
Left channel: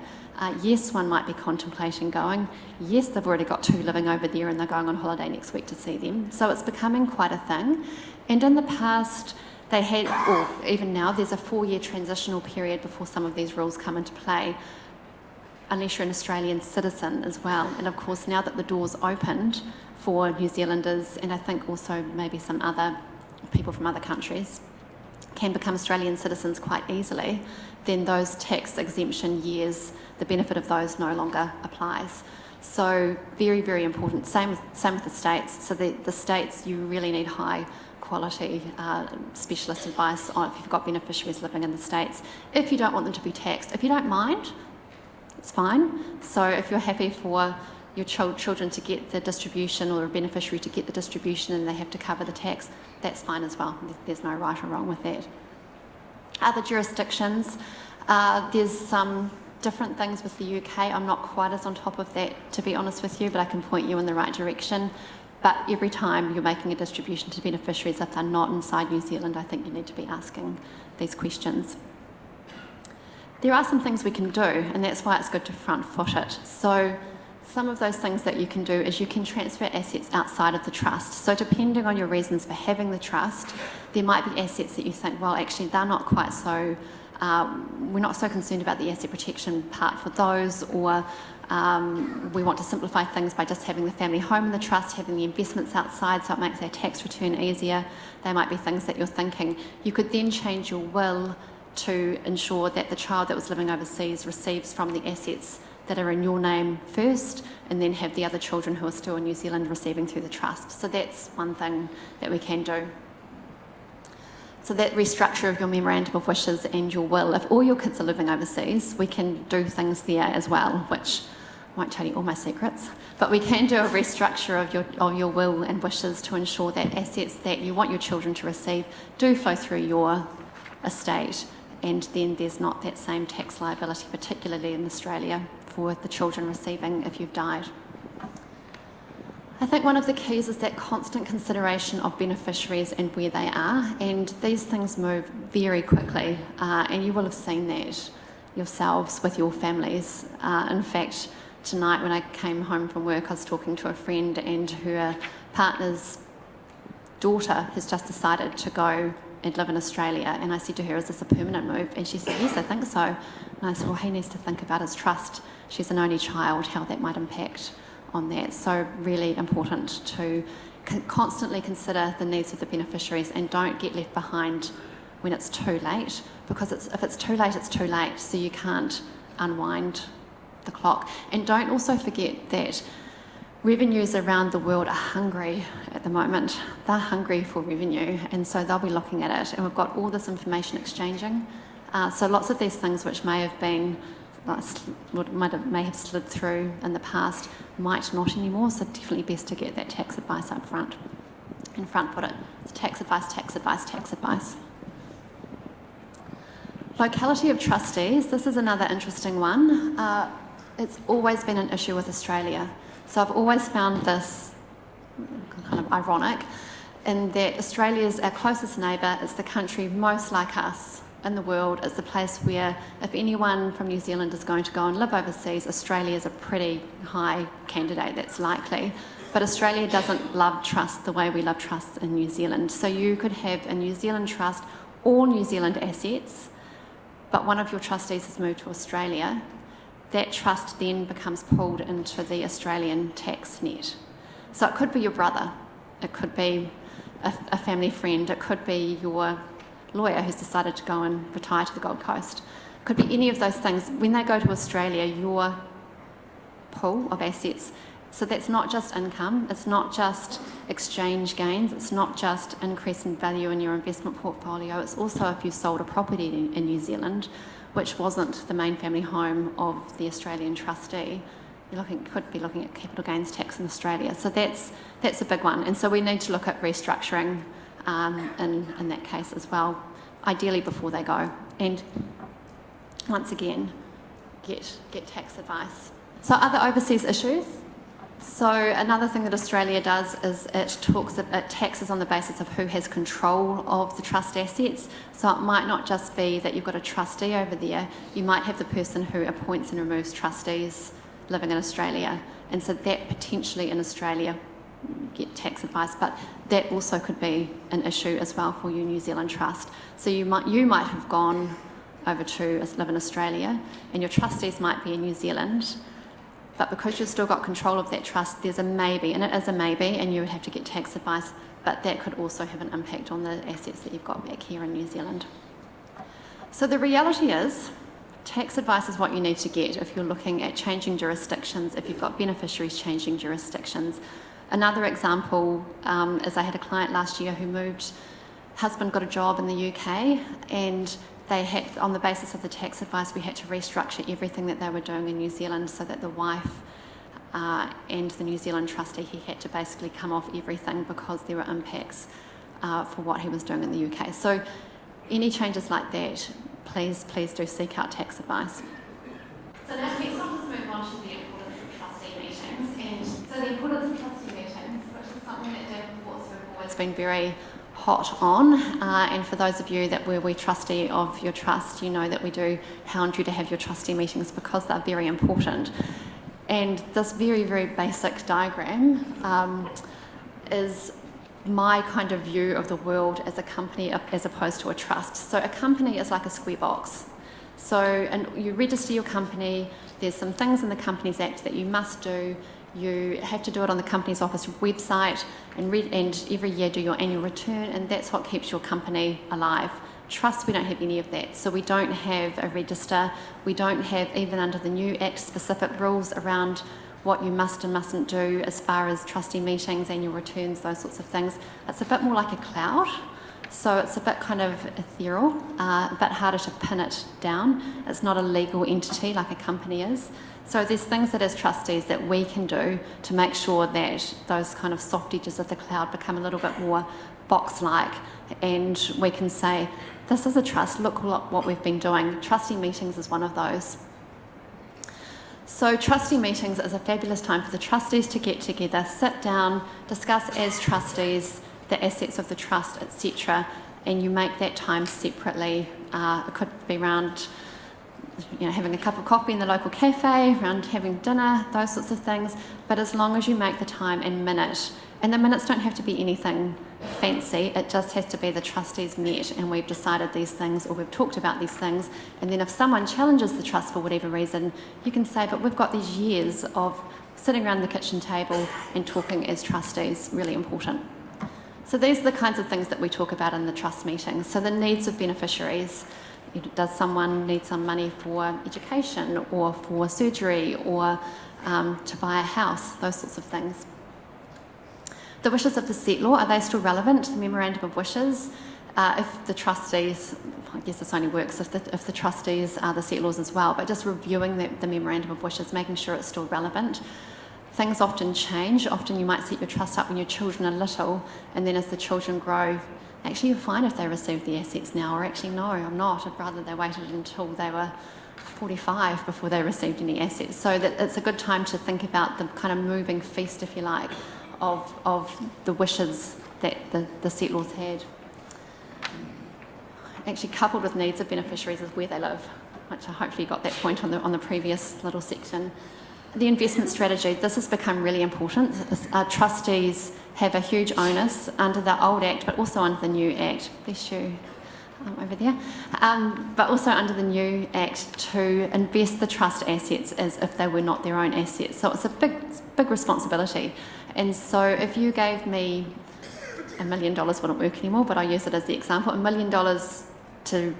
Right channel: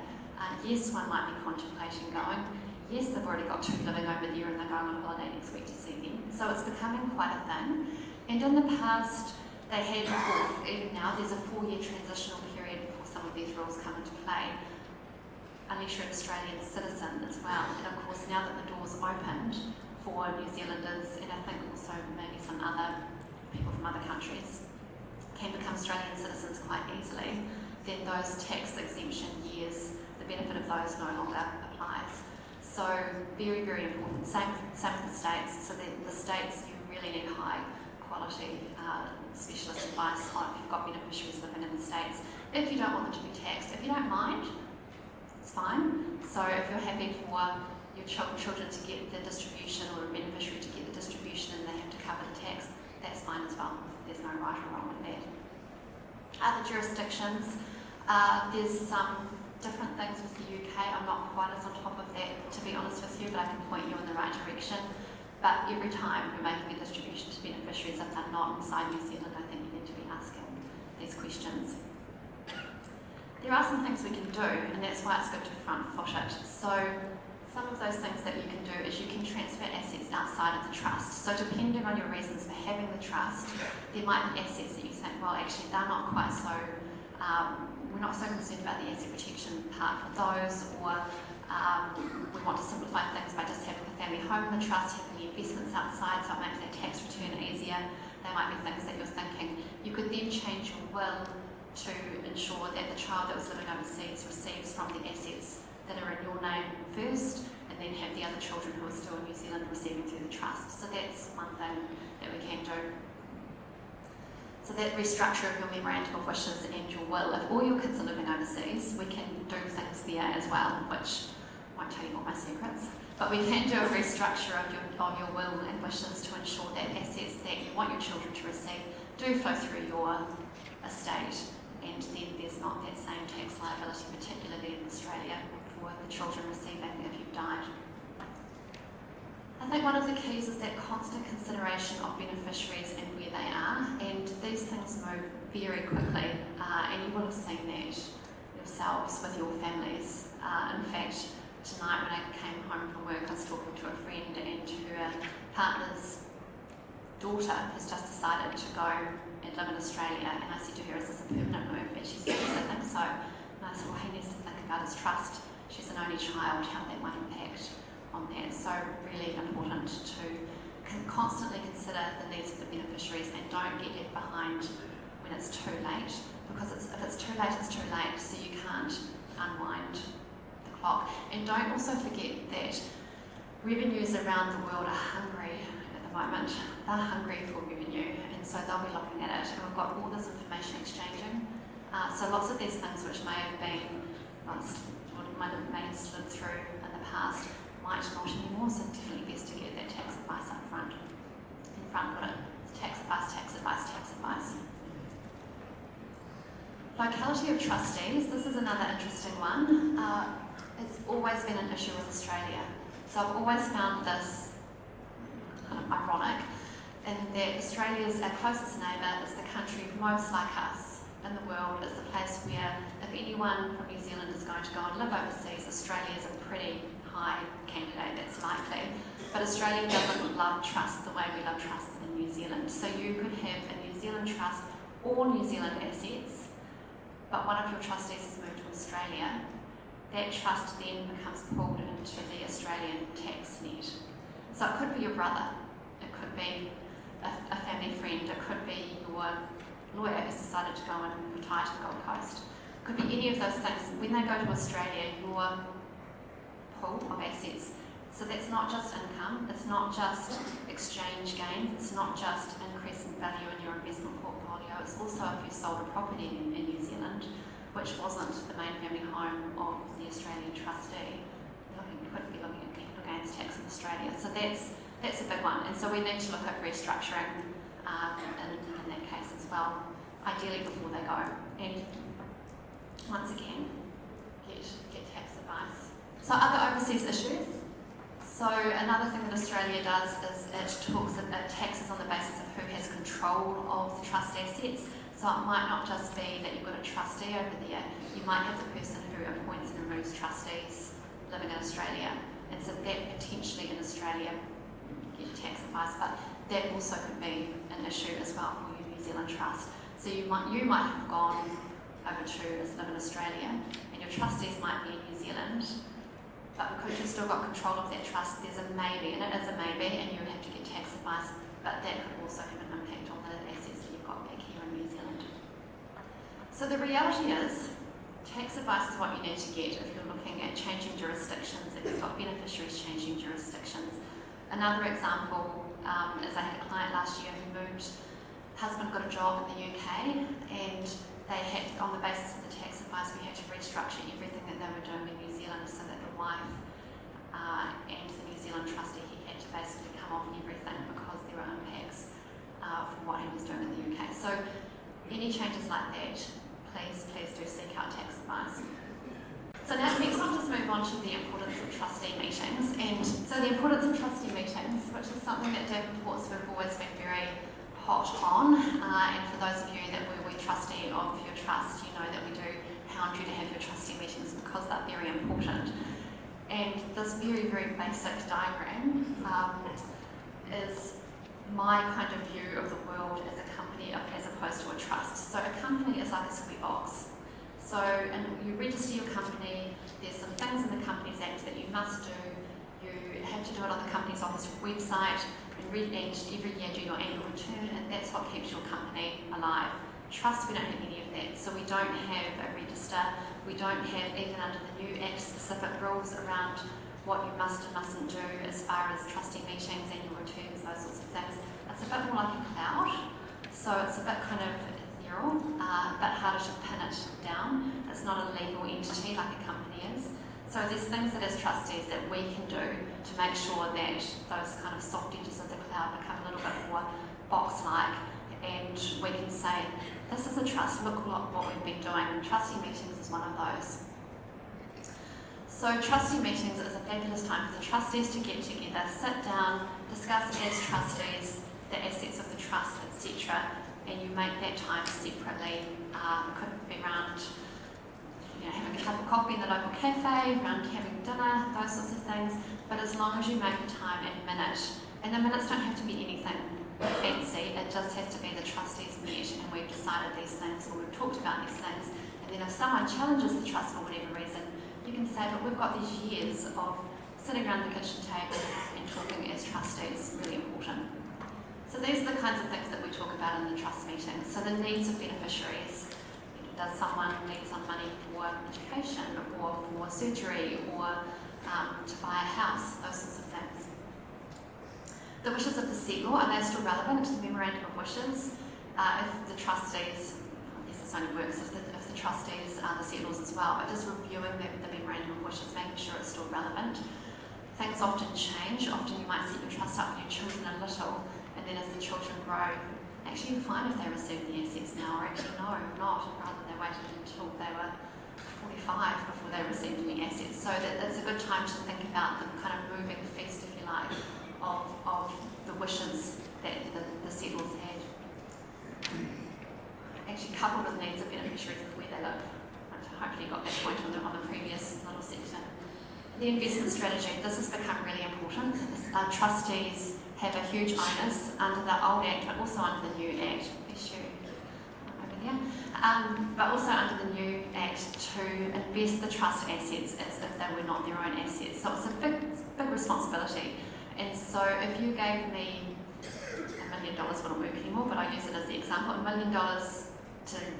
Yes, one might be contemplating going. Yes, they've already got 2 living over there and they're going on holiday next week to see them. So it's becoming quite a thing. And in the past, they had, or even now, there's a 4-year transitional period before some of these rules come into play, unless you're an Australian citizen as well. And of course, now that the door's opened for New Zealanders, and I think also maybe some other people from other countries, can become Australian citizens quite easily, then those tax exemption years, the benefit of those no longer applies. So very, very important. Same with the states. So the states, you really need high quality specialist advice on if you've got beneficiaries living in the states. If you don't want them to be taxed, if you don't mind, it's fine. So if you're happy for your children to get the distribution or a beneficiary to get the distribution and they have to cover the tax, that's fine as well. There's no right or wrong with that. Other jurisdictions, there's some different things with the UK. I'm not quite as on top of that, to be honest with you, but I can point you in the right direction. But every time you're making a distribution to beneficiaries, if they're not inside New Zealand, I think you need to be asking these questions. There are some things we can do, and that's why it's good to front foot it. So some of those things that you can do is you can transfer assets outside of the trust. So depending on your reasons for having the trust, there might be assets that you think, well, actually they're not quite so, we're not so concerned about the asset protection part for those, or we want to simplify things by just having the family home in the trust, having the investments outside so it makes their tax return easier. They might be things that you're thinking. You could then change your will to ensure that the child that was living overseas receives from the assets that are in your name first, and then have the other children who are still in New Zealand receiving through the trust. So that's one thing that we can do. So that restructure of your memorandum of wishes and your will, if all your kids are living overseas, we can do things there as well, which I won't tell you all my secrets, but we can do a restructure of your will and wishes to ensure that assets that you want your children to receive do flow through your estate, and then there's not that same tax liability, particularly in Australia, for the children receiving if you've died. I think one of the keys is that constant consideration of beneficiaries and where they are, and these things move very quickly, and you will have seen that yourselves with your families. In fact, tonight when I came home from work, I was talking to a friend, and her partner's daughter has just decided to go and live in Australia, and I said to her, is this a permanent move? And she said, yes, I think so. And I said, well, he needs to think about his trust. She's an only child, how that might impact on that. So really important to constantly consider the needs of the beneficiaries and don't get left behind when it's too late, because if it's too late, it's too late, so you can't unwind the clock. And don't also forget that revenues around the world are hungry at the moment. They're hungry for revenue, and so they'll be looking at it, and we've got all this information exchanging. So lots of these things which may have been, may have slid through in the past, might not anymore, so definitely best to get that tax advice up front and front foot it. It's tax advice, tax advice, tax advice. Locality of trustees, this is another interesting one. It's always been an issue with Australia. So I've always found this kind of ironic in that Australia's our closest neighbour, is the country most like us in the world. It's the place where if anyone from New Zealand is going to go and live overseas, Australia is a pretty high candidate, that's likely. But Australia doesn't love trust the way we love trusts in New Zealand. So you could have a New Zealand trust, all New Zealand assets, but one of your trustees has moved to Australia. That trust then becomes pulled into the Australian tax net. So it could be your brother, it could be a family friend, it could be your lawyer who's decided to go and retire to the Gold Coast. It could be any of those things. When they go to Australia, your pool of assets So that's not just income, it's not just exchange gains, it's not just increase in value in your investment portfolio, it's also if you sold a property in New Zealand, which wasn't the main family home of the Australian trustee, you could be looking at capital gains tax in Australia. So that's a big one. And so we need to look at restructuring in that case as well, ideally before they go. And once again, get tax advice. So other overseas issues. So another thing that Australia does is it taxes on the basis of who has control of the trust assets. So it might not just be that you've got a trustee over there, you might have the person who appoints and removes trustees living in Australia. And so that potentially in Australia get tax advice, but that also could be an issue as well for your New Zealand trust. So you might have gone over to live in Australia and your trustees might be in New Zealand, but because you've still got control of that trust, there's a maybe, and it is a maybe, and you would have to get tax advice, but that could also have an impact on the assets that you've got back here in New Zealand. So the reality is, tax advice is what you need to get if you're looking at changing jurisdictions, if you've got beneficiaries changing jurisdictions. Another example is I had a client last year who moved, husband got a job in the UK, and they had, on the basis of the tax advice, we had to restructure everything that they were doing in New Zealand so that the wife and the New Zealand trustee, he had to basically come off everything because there were impacts for what he was doing in the UK. So any changes like that, please do seek out tax advice. So now next I'll just move on to the importance of trustee meetings. And so the importance of trustee meetings, which is something that Davenports have always been very hot on, and for those of you that were trustee of your trust, you know that we do hound you to have your trustee meetings because they're very important. And this very, very basic diagram is my kind of view of the world as a company as opposed to a trust. So a company is like a square box. So and you register your company, there's some things in the Companies Act that you must do. You have to do it on the Companies Office website and every year do your annual return, and that's what keeps your company alive. Trust, we don't have any of that. So we don't have a register. We don't have, even under the new Act, specific rules around what you must and mustn't do as far as trustee meetings, annual returns, those sorts of things. It's a bit more like a cloud. So it's a bit kind of ethereal, a bit harder to pin it down. It's not a legal entity like a company is. So there's things that as trustees that we can do to make sure that those kind of soft edges of the cloud become a little bit more box-like, and we can say, this is a trust, look what we've been doing. Trustee meetings is one of those. So trustee meetings is a fabulous time for the trustees to get together, sit down, discuss as trustees the assets of the trust, etc., and you make that time separately. It could be around having a cup of coffee in the local cafe, around having dinner, those sorts of things, but as long as you make the time and minute, and the minutes don't have to be anything fancy, it just has to be the trustees met and we've decided these things or we've talked about these things, and then if someone challenges the trust for whatever reason, you can say, but we've got these years of sitting around the kitchen table and talking as trustees, really important. So these are the kinds of things that we talk about in the trust meetings. So the needs of beneficiaries. Does someone need some money for education or for surgery or to buy a house, those sorts of things. The wishes of the settlor, are they still relevant? The memorandum of wishes, if the trustees, I guess this only works if the trustees are the settlors as well, but just reviewing the memorandum of wishes, making sure it's still relevant. Things often change. Often you might set your trust up when your children are little, and then as the children grow, actually you're fine if they receive the assets now, or actually no, I'm not. I'd rather they waited until they were 45 before they received any assets. So that it's a good time to think about the kind of moving feast, if you like, of the wishes that the settlors had. Actually coupled with needs of beneficiaries is where they live, which I hopefully you got that point on the previous little section. The investment strategy, this has become really important. Trustees have a huge onus under the old Act, but also under the new Act. Bless you, over there. But also under the new Act to invest the trust assets as if they were not their own assets. So it's a big responsibility. And so if you gave me $1 million, wouldn't work anymore, but I use it as the example, $1 million to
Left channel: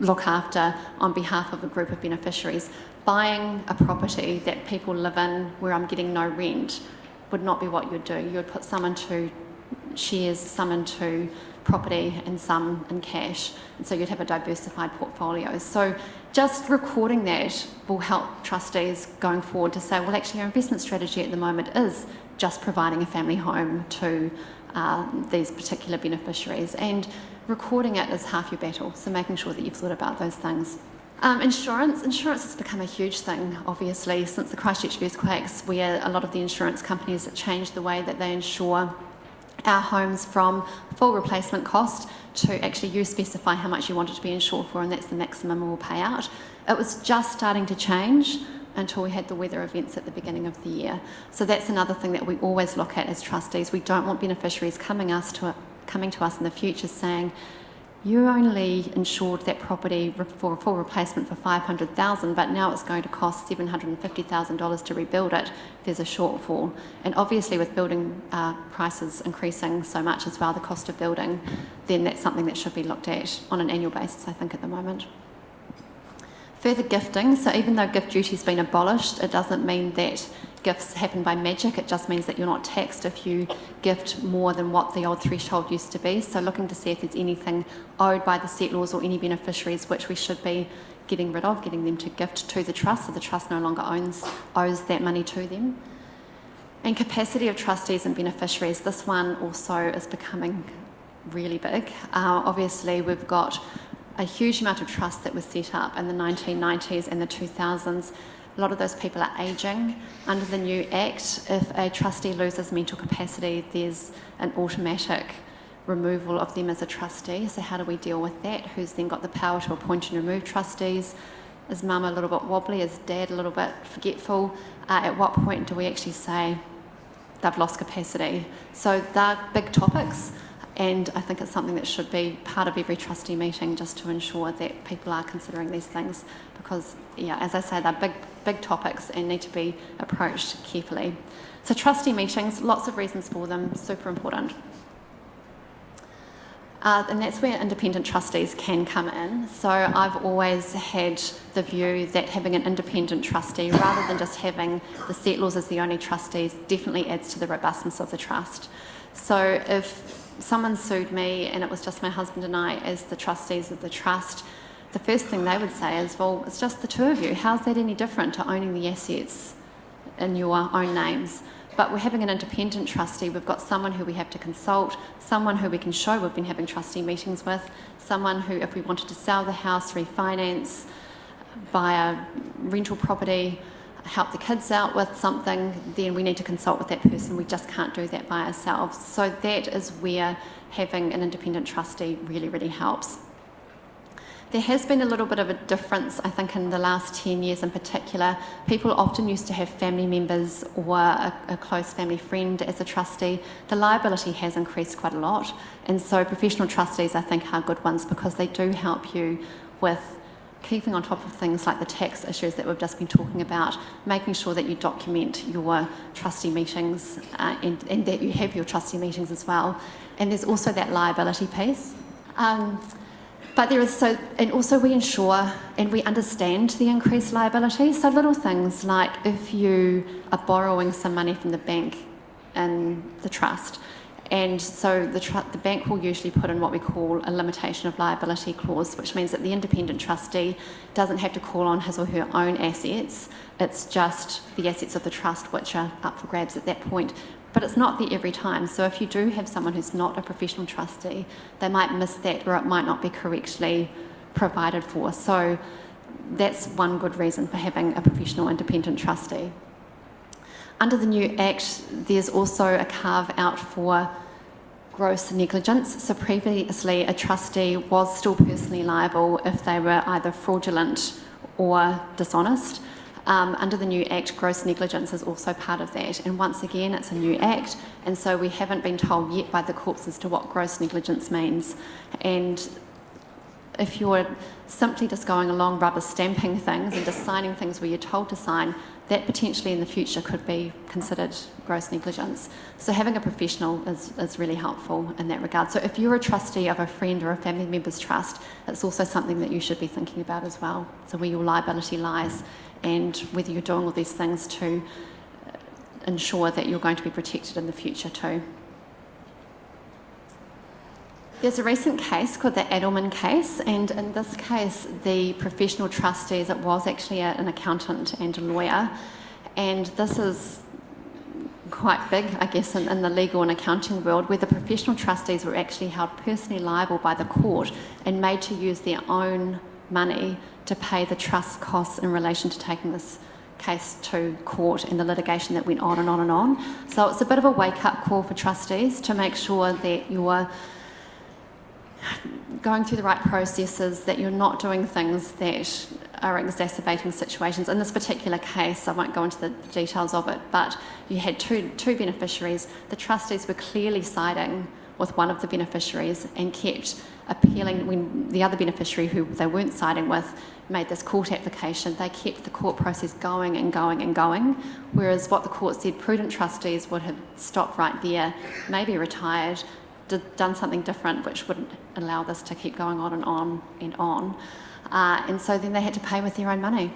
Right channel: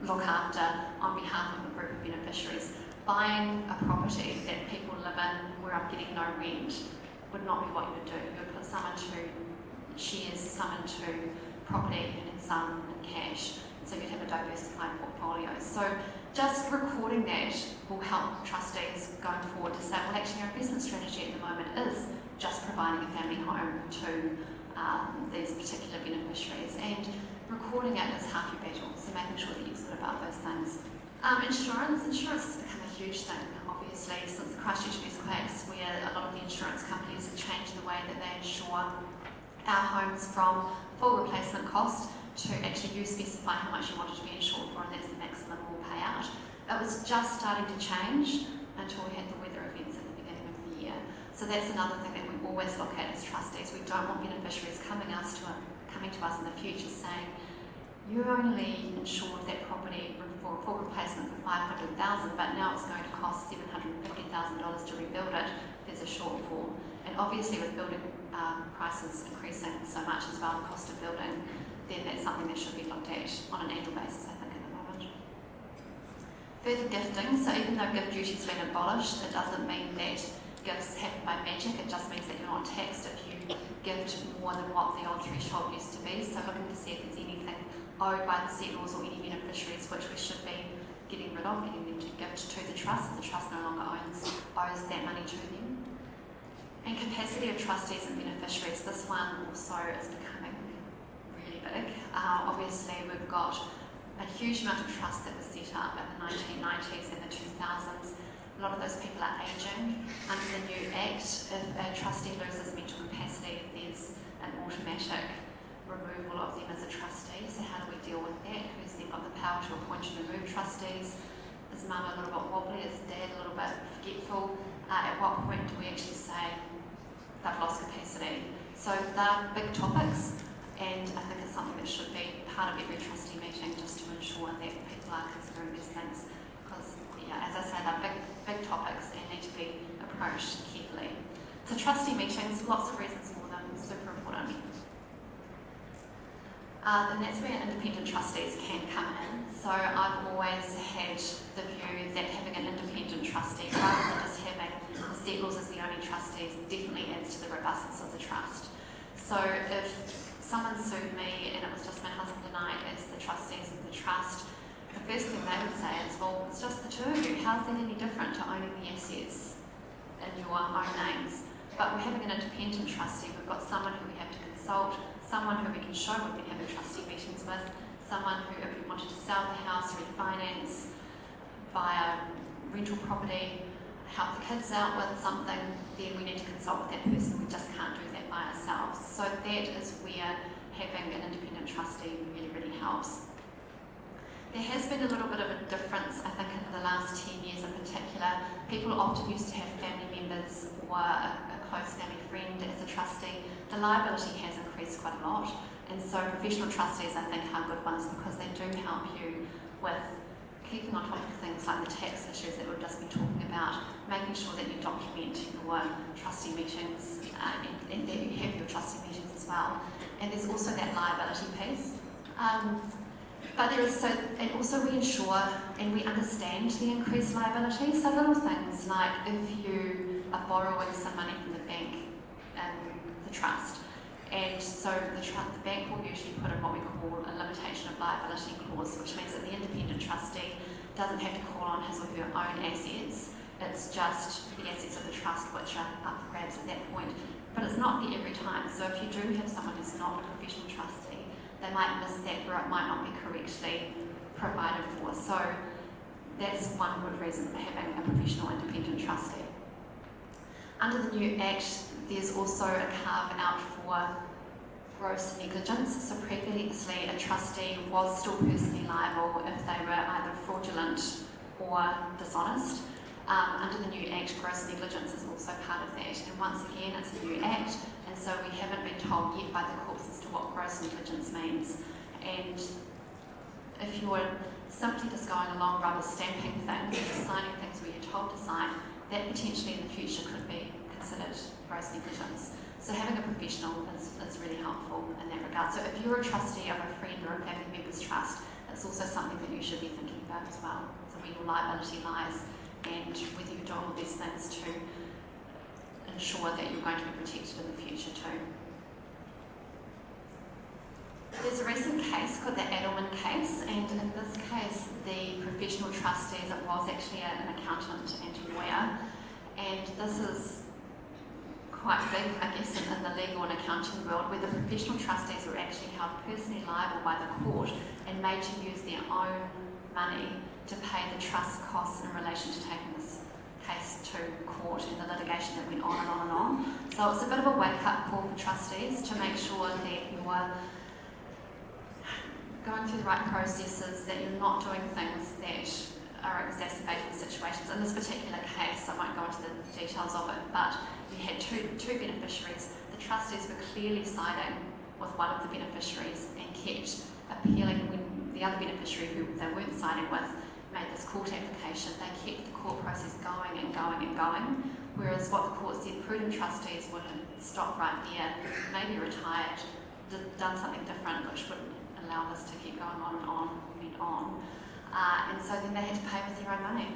look after on behalf of a group of beneficiaries. buying a property that people live in where I'm getting no rent would not be what you'd do. You would put some into shares, some into property and some in cash. And so you'd have a diversified portfolio. So just recording that will help trustees going forward to say, well, actually our investment strategy at the moment is just providing a family home to these particular beneficiaries. And recording it is half your battle, so making sure that you've thought about those things. Insurance has become a huge thing, obviously, since the Christchurch earthquakes, where a lot of the insurance companies have changed the way that they insure our homes from full replacement cost to actually you specify how much you want it to be insured for, and that's the maximum we'll pay out. It was just starting to change until we had the weather events at the beginning of the year. So that's another thing that we always look at as trustees. We don't want beneficiaries coming to us in the future saying, you only insured that property for a full replacement for $500,000, but now it's going to cost $750,000 to rebuild it. There's a shortfall. And obviously with building prices increasing so much as well, the cost of building, then that's something that should be looked at on an annual basis, I think, at the moment. Further gifting, so even though gift duty's been abolished, it doesn't mean that gifts happen by magic. It just means that you're not taxed if you gift more than what the old threshold used to be. So looking to see if there's anything owed by the settlors or any beneficiaries which we should be getting rid of, getting them to gift to the trust, so the trust no longer owes that money to them. And capacity of trustees and beneficiaries, this one also is becoming really big. Obviously we've got a huge amount of trusts that were set up in the 1990s and the 2000s. A lot of those people are ageing. Under the new Act, if a trustee loses mental capacity, there's an automatic removal of them as a trustee. So how do we deal with that? Who's then got the power to appoint and remove trustees? Is mum a little bit wobbly? Is dad a little bit forgetful? At what point do we actually say they've lost capacity? So they're big topics, and I think it's something that should be part of every trustee meeting, just to ensure that people are considering these things, because, yeah, as I say, they're big topics and need to be approached carefully. So trustee meetings, lots of reasons for them, super important. And that's where independent trustees can come in. So I've always had the view that having an independent trustee, rather than just having the settlors as the only trustees, definitely adds to the robustness of the trust. So if someone sued me and it was just my husband and I as the trustees of the trust, the first thing they would say is, well, it's just the two of you. How's that any different to owning the assets in your own names? But we're having an independent trustee. We've got someone who we have to consult, someone who we can show we've been having trustee meetings with, someone who, if we wanted to sell the house, refinance, buy a rental property, help the kids out with something, then we need to consult with that person. We just can't do that by ourselves. So that is where having an independent trustee really, really helps. There has been a little bit of a difference, I think, in the last 10 years in particular. People often used to have family members or a close family friend as a trustee. The liability has increased quite a lot, and so professional trustees, I think, are good ones because they do help you with keeping on top of things like the tax issues that we've just been talking about, making sure that you document your trustee meetings and that you have your trustee meetings as well. And there's also that liability piece. But there is and also we ensure and we understand the increased liability. So little things like if you are borrowing some money from the bank in the trust, and so the bank will usually put in what we call a limitation of liability clause, which means that the independent trustee doesn't have to call on his or her own assets. It's just the assets of the trust which are up for grabs at that point. But it's not there every time. So if you do have someone who's not a professional trustee, they might miss that, or it might not be correctly provided for. So that's one good reason for having a professional independent trustee. Under the new Act, there's also a carve out for gross negligence. So previously, a trustee was still personally liable if they were either fraudulent or dishonest. Under the new Act, gross negligence is also part of that. And once again, it's a new Act, and so we haven't been told yet by the courts as to what gross negligence means. And if you're simply just going along rubber stamping things and just signing things where you're told to sign, that potentially in the future could be considered gross negligence. So having a professional is really helpful in that regard. So if you're a trustee of a friend or a family member's trust, it's also something that you should be thinking about as well. So where your liability lies and whether you're doing all these things to ensure that you're going to be protected in the future too. There's a recent case called the Edelman case, and in this case the professional trustees, it was actually an accountant and a lawyer, and this is quite big, I guess, in the legal and accounting world, where the professional trustees were actually held personally liable by the court and made to use their own money to pay the trust costs in relation to taking this case to court and the litigation that went on and on and on. So it's a bit of a wake-up call for trustees to make sure that you're going through the right processes, that you're not doing things that are exacerbating situations. In this particular case, I won't go into the details of it, but you had two beneficiaries. The trustees were clearly siding with one of the beneficiaries and kept appealing when the other beneficiary, who they weren't siding with, made this court application. They kept the court process going and going and going, whereas what the court said, prudent trustees would have stopped right there, maybe retired, done something different which wouldn't allow this to keep going on and on and on. And so then they had to pay with their own money.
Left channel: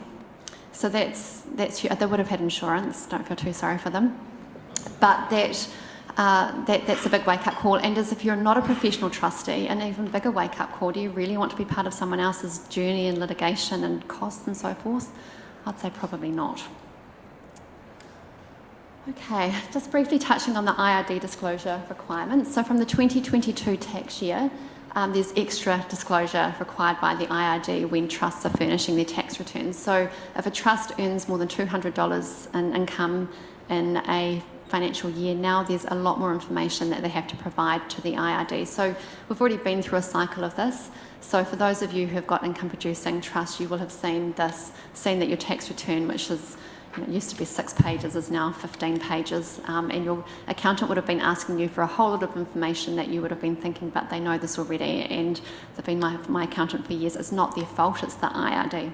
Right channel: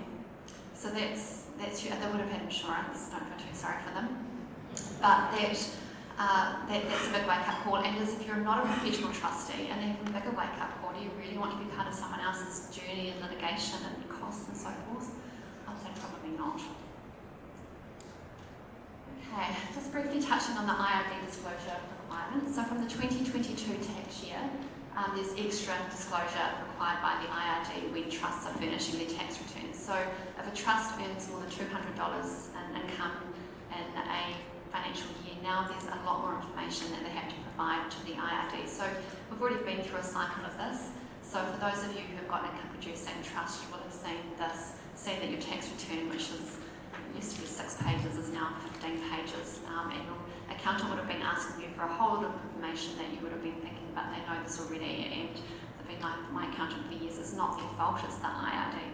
So they would have had insurance, don't feel too sorry for them. But that's a big wake-up call. And as if you're not a professional trustee, an even bigger wake-up call, do you really want to be part of someone else's journey and litigation and costs and so forth? I'd say probably not. Okay, just briefly touching on the IRD disclosure requirements. So from the 2022 tax year, there's extra disclosure required by the IRD when trusts are furnishing their tax returns. So if a trust earns more than $200 in income in a financial year, now there's a lot more information that they have to provide to the IRD. So we've already been through a cycle of this. So for those of you who have got income producing trusts, you will have seen that your tax return, which is, it used to be 6 pages, is now 15 pages, and your accountant would have been asking you for a whole lot of information that you would have been thinking, but they know this already, and they've been my accountant for years. It's not their fault, it's the IRD.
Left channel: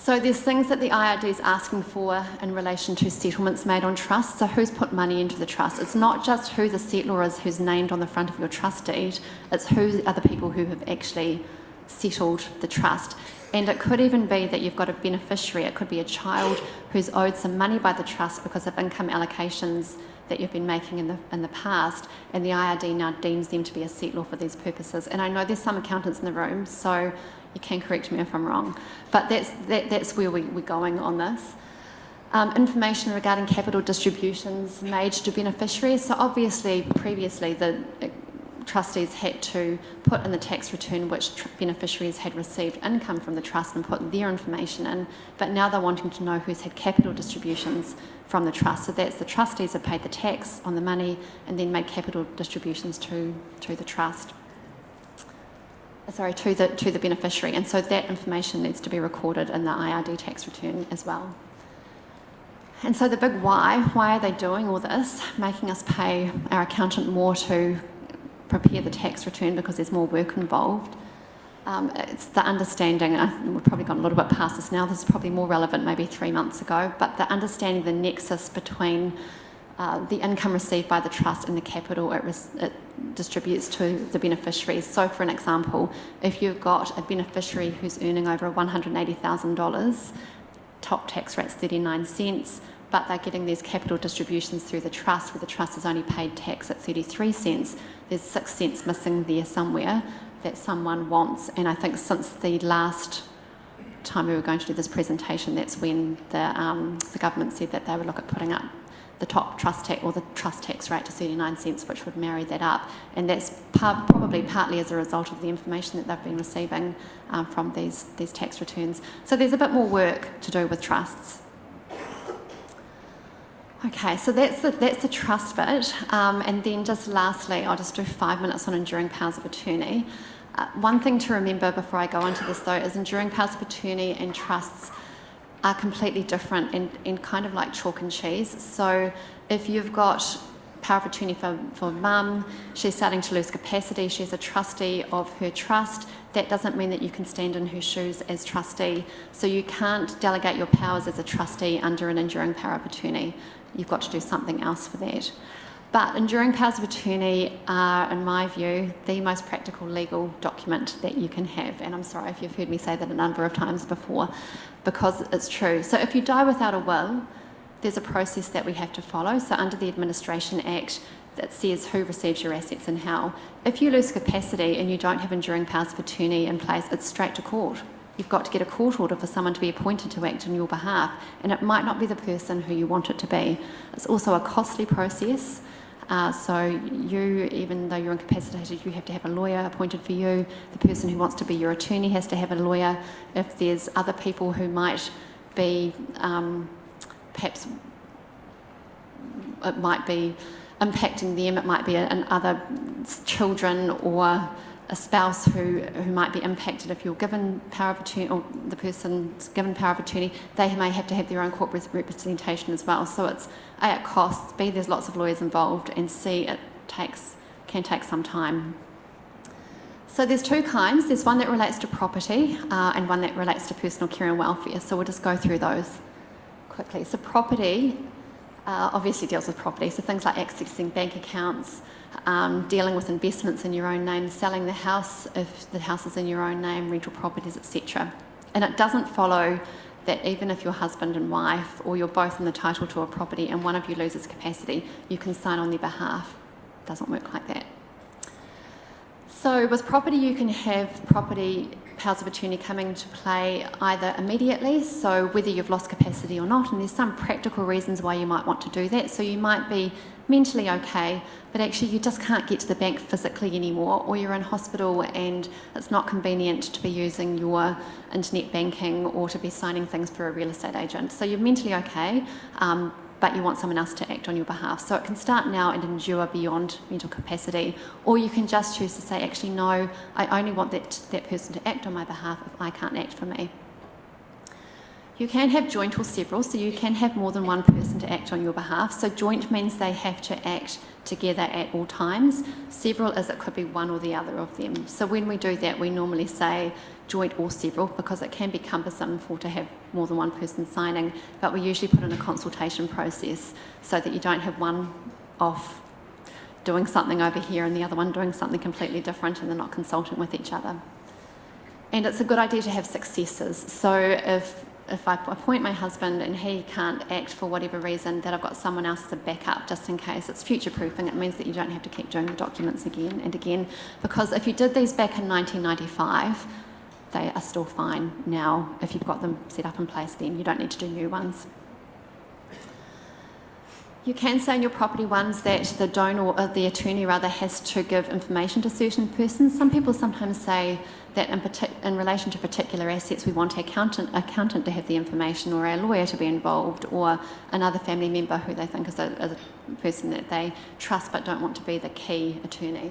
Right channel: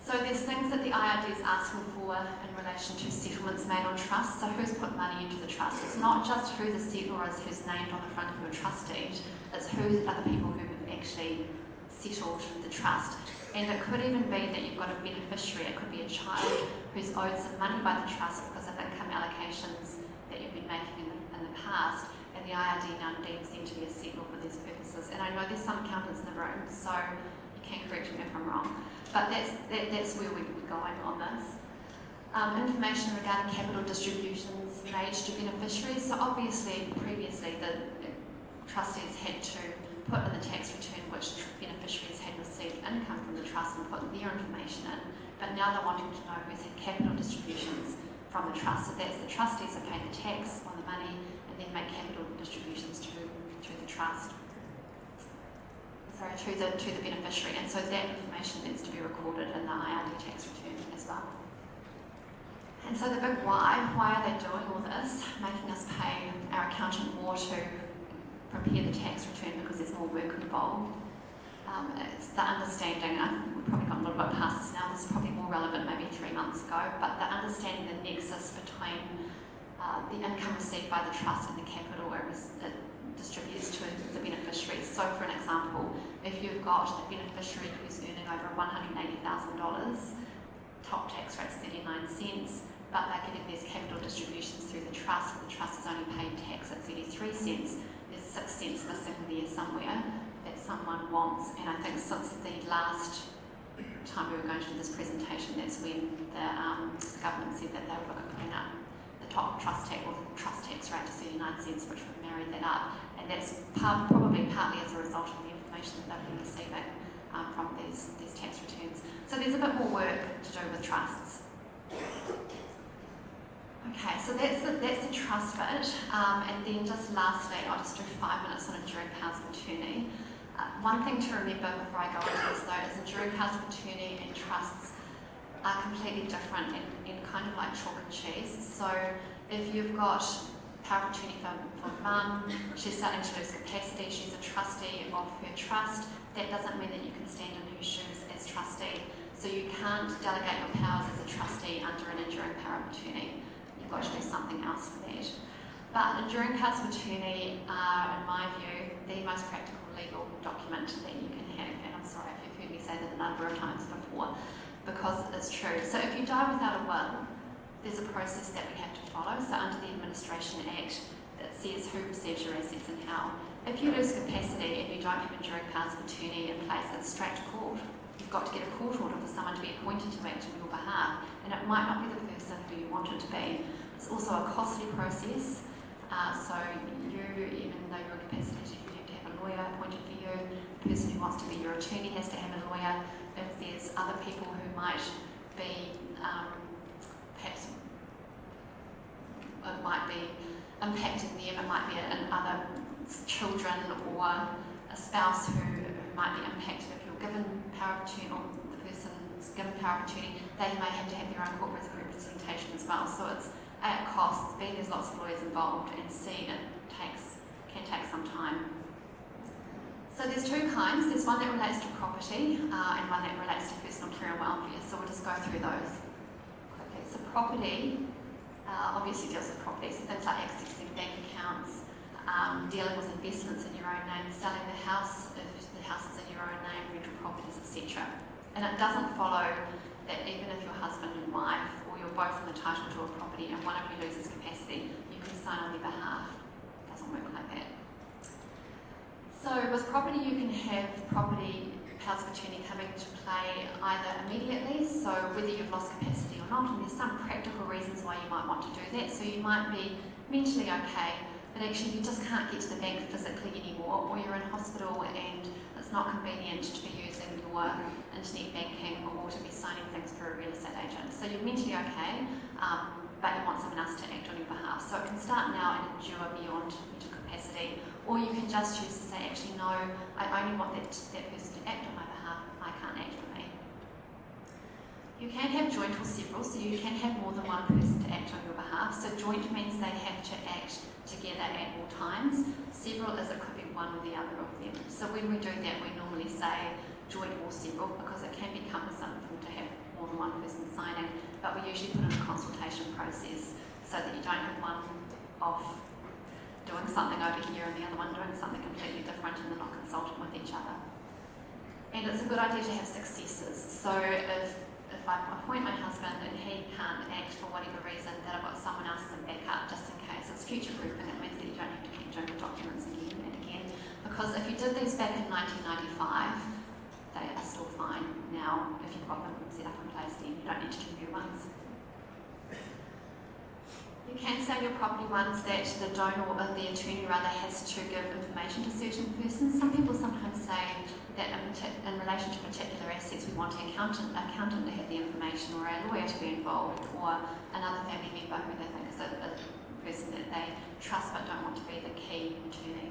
So there's things that the IRD is asking for in relation to settlements made on trusts. So who's put money into the trust? It's not just who the settlor is who's named on the front of your trust deed, it's who are the people who have actually settled the trust. And it could even be that you've got a beneficiary. It could be a child who's owed some money by the trust because of income allocations that you've been making in the past, and the IRD now deems them to be a settlor for these purposes. And I know there's some accountants in the room, so you can correct me if I'm wrong, but that's where we're going on this. Information regarding capital distributions made to beneficiaries. So obviously, previously, the trustees had to put in the tax return which beneficiaries had received income from the trust and put their information in, but now they're wanting to know who's had capital distributions from the trust. So that's the trustees have paid the tax on the money and then made capital distributions to the trust. Sorry, to the beneficiary, and so that information needs to be recorded in the IRD tax return as well. And so the big why are they doing all this, making us pay our accountant more to prepare the tax return because there's more work involved? It's the understanding, we've probably gone a little bit past this now, this is probably more relevant maybe 3 months ago, but the understanding the nexus between the income received by the trust and the capital it distributes to the beneficiaries. So for an example, if you've got a beneficiary who's earning over $180,000, top tax rate's 39 cents, but they're getting these capital distributions through the trust where the trust has only paid tax at 33 cents, there's 6 cents missing there somewhere that someone wants. And I think since the last time we were going to do this presentation, that's when the government said that they would look at putting up the top trust tax or the trust tax rate to 39 cents, which would marry that up. And that's probably partly as a result of the information that they've been receiving from these tax returns. So there's a bit more work to do with trusts. Okay, so that's the trust bit. And then just lastly, I'll just do 5 minutes on enduring powers of attorney. One thing to remember before I go into this though is enduring powers of attorney and trusts are completely different and kind of like chalk and cheese. So if you've got power of attorney for mum, she's starting to lose capacity, she's a trustee of her trust, that doesn't mean that you can stand in her shoes as trustee. So you can't delegate your powers as a trustee under an enduring power of attorney. You've got to do something else for that. But enduring powers of attorney are, in my view, the most practical legal document that you can have. And I'm sorry if you've heard me say that a number of times before, because it's true. So if you die without a will, there's a process that we have to follow. So under the Administration Act, that says who receives your assets and how. If you lose capacity and you don't have enduring powers of attorney in place, it's straight to court. You've got to get a court order for someone to be appointed to act on your behalf, and it might not be the person who you want it to be. It's also a costly process. So you, even though you're incapacitated, you have to have a lawyer appointed for you. The person who wants to be your attorney has to have a lawyer. If there's other people who might be, perhaps it might be impacting them, it might be other children or a spouse who might be impacted if you're given power of attorney, or the person's given power of attorney, they may have to have their own court representation as well. So it's A, it costs, B, there's lots of lawyers involved, and C, it can take some time. So there's two kinds. There's one that relates to property and one that relates to personal care and welfare. So we'll just go through those quickly. So property obviously deals with property, so things like accessing bank accounts, dealing with investments in your own name, selling the house if the house is in your own name, rental properties, etc. And it doesn't follow that even if you're husband and wife, or you're both in the title to a property and one of you loses capacity, you can sign on their behalf. It doesn't work like that. So with property, you can have property powers of attorney coming to play either immediately, so whether you've lost capacity or not, and there's some practical reasons why you might want to do that. So you might be mentally okay, but actually you just can't get to the bank physically anymore, or you're in hospital and it's not convenient to be using your internet banking or to be signing things through a real estate agent. So you're mentally okay, but you want someone else to act on your behalf. So it can start now and endure beyond mental capacity, or you can just choose to say, actually no, I only want that person to act on my behalf if I can't act for me. You can have joint or several, so you can have more than one person to act on your behalf. So joint means they have to act together at all times. Several is it could be one or the other of them. So when we do that, we normally say joint or several, because it can be cumbersome to have more than one person signing, but we usually put in a consultation process so that you don't have one off doing something over here and the other one doing something completely different and they're not consulting with each other. And it's a good idea to have successors. So if I appoint my husband and he can't act for whatever reason, that I've got someone else as a backup just in case. It's future-proofing. It means that you don't have to keep doing the documents again and again, because if you did these back in 1995, they are still fine now. If you've got them set up in place, then you don't need to do new ones. You can say in your property ones that the donor, or the attorney rather, has to give information to certain persons. Some people sometimes say that in relation to particular assets, we want our accountant to have the information, or our lawyer to be involved, or another family member who they think is a person that they trust but don't want to be the key attorney.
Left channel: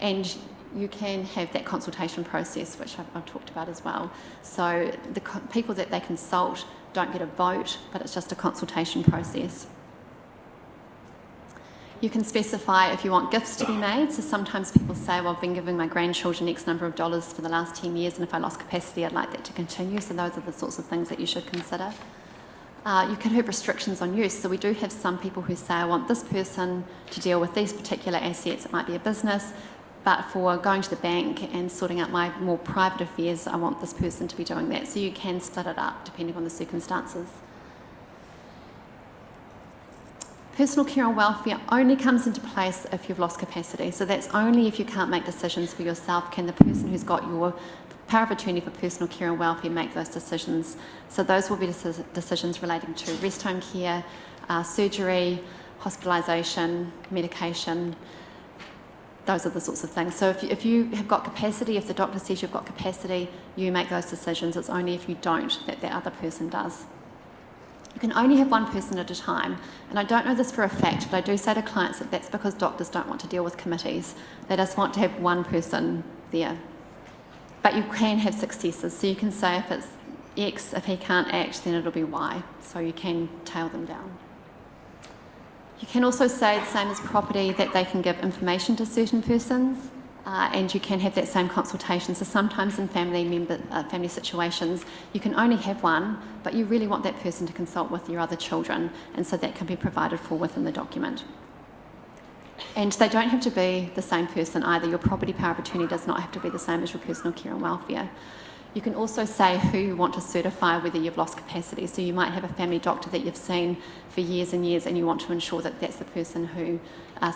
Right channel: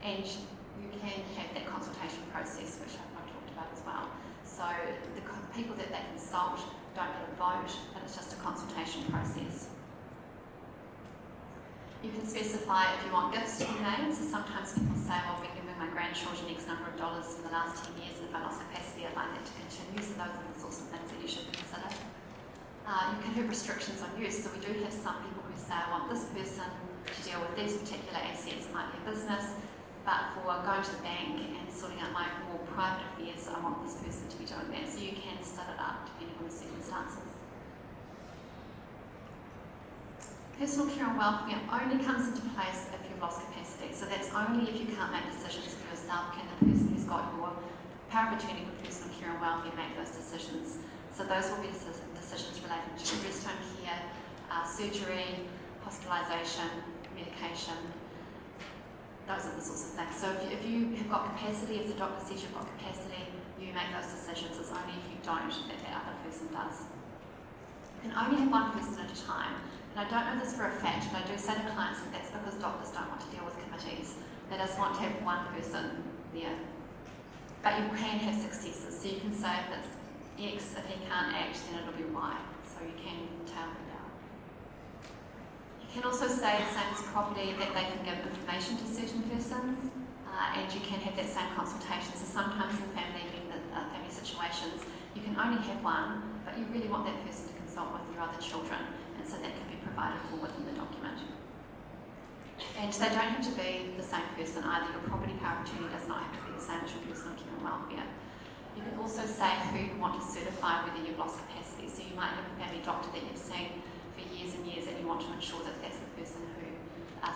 And you can have that consultation process, which I've talked about as well. So the people that they consult don't get a vote, but it's just a consultation process. You can specify if you want gifts to be made. So sometimes people say, well, I've been giving my grandchildren X number of dollars for the last 10 years, and if I lost capacity, I'd like that to continue. So those are the sorts of things that you should consider. You can have restrictions on use. So we do have some people who say, I want this person to deal with these particular assets. It might be a business, but for going to the bank and sorting out my more private affairs, I want this person to be doing that. So you can split it up depending on the circumstances. Personal care and welfare only comes into place if you've lost capacity. So that's only if you can't make decisions for yourself can the person who's got your power of attorney for personal care and welfare make those decisions. So those will be decisions relating to rest home care, surgery, hospitalisation, medication. Those are the sorts of things. So if you have got capacity, if the doctor says you've got capacity, you make those decisions. It's only if you don't that the other person does. You can only have one person at a time. And I don't know this for a fact, but I do say to clients that that's because doctors don't want to deal with committees. They just want to have one person there. But you can have successors. So you can say if it's X, if he can't act, then it'll be Y. So you can tail them down. You can also say, the same as property, that they can give information to certain persons, and you can have that same consultation. So sometimes in family situations, you can only have one, but you really want that person to consult with your other children, and so that can be provided for within the document. And they don't have to be the same person either. Your property power of attorney does not have to be the same as your personal care and welfare. You can also say who you want to certify whether you've lost capacity. So you might have a family doctor that you've seen for years and years and you want to ensure that that's the person who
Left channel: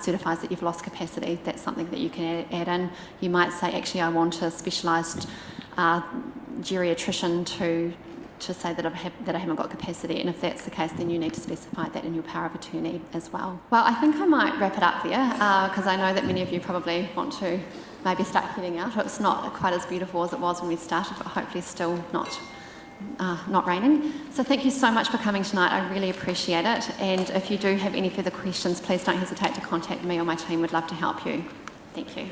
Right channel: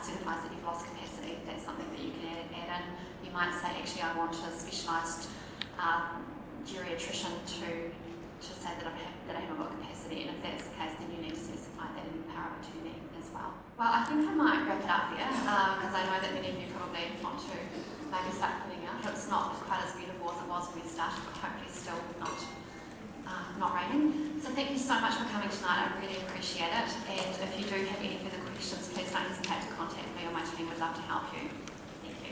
certifies that you've lost capacity. That's something that you can add in. You might say, actually, I want a specialised geriatrician to say that I haven't got capacity, and if that's the case, then you need to specify that in your power of attorney as well. Well, I think I might wrap it up there, because I know that many of you probably want to maybe start heading out. It's not quite as beautiful as it was when we started, but hopefully still not raining. So thank you so much for coming tonight. I really appreciate it, and if you do have any further questions, please don't hesitate to contact me or my team. We'd love to help you. Thank you.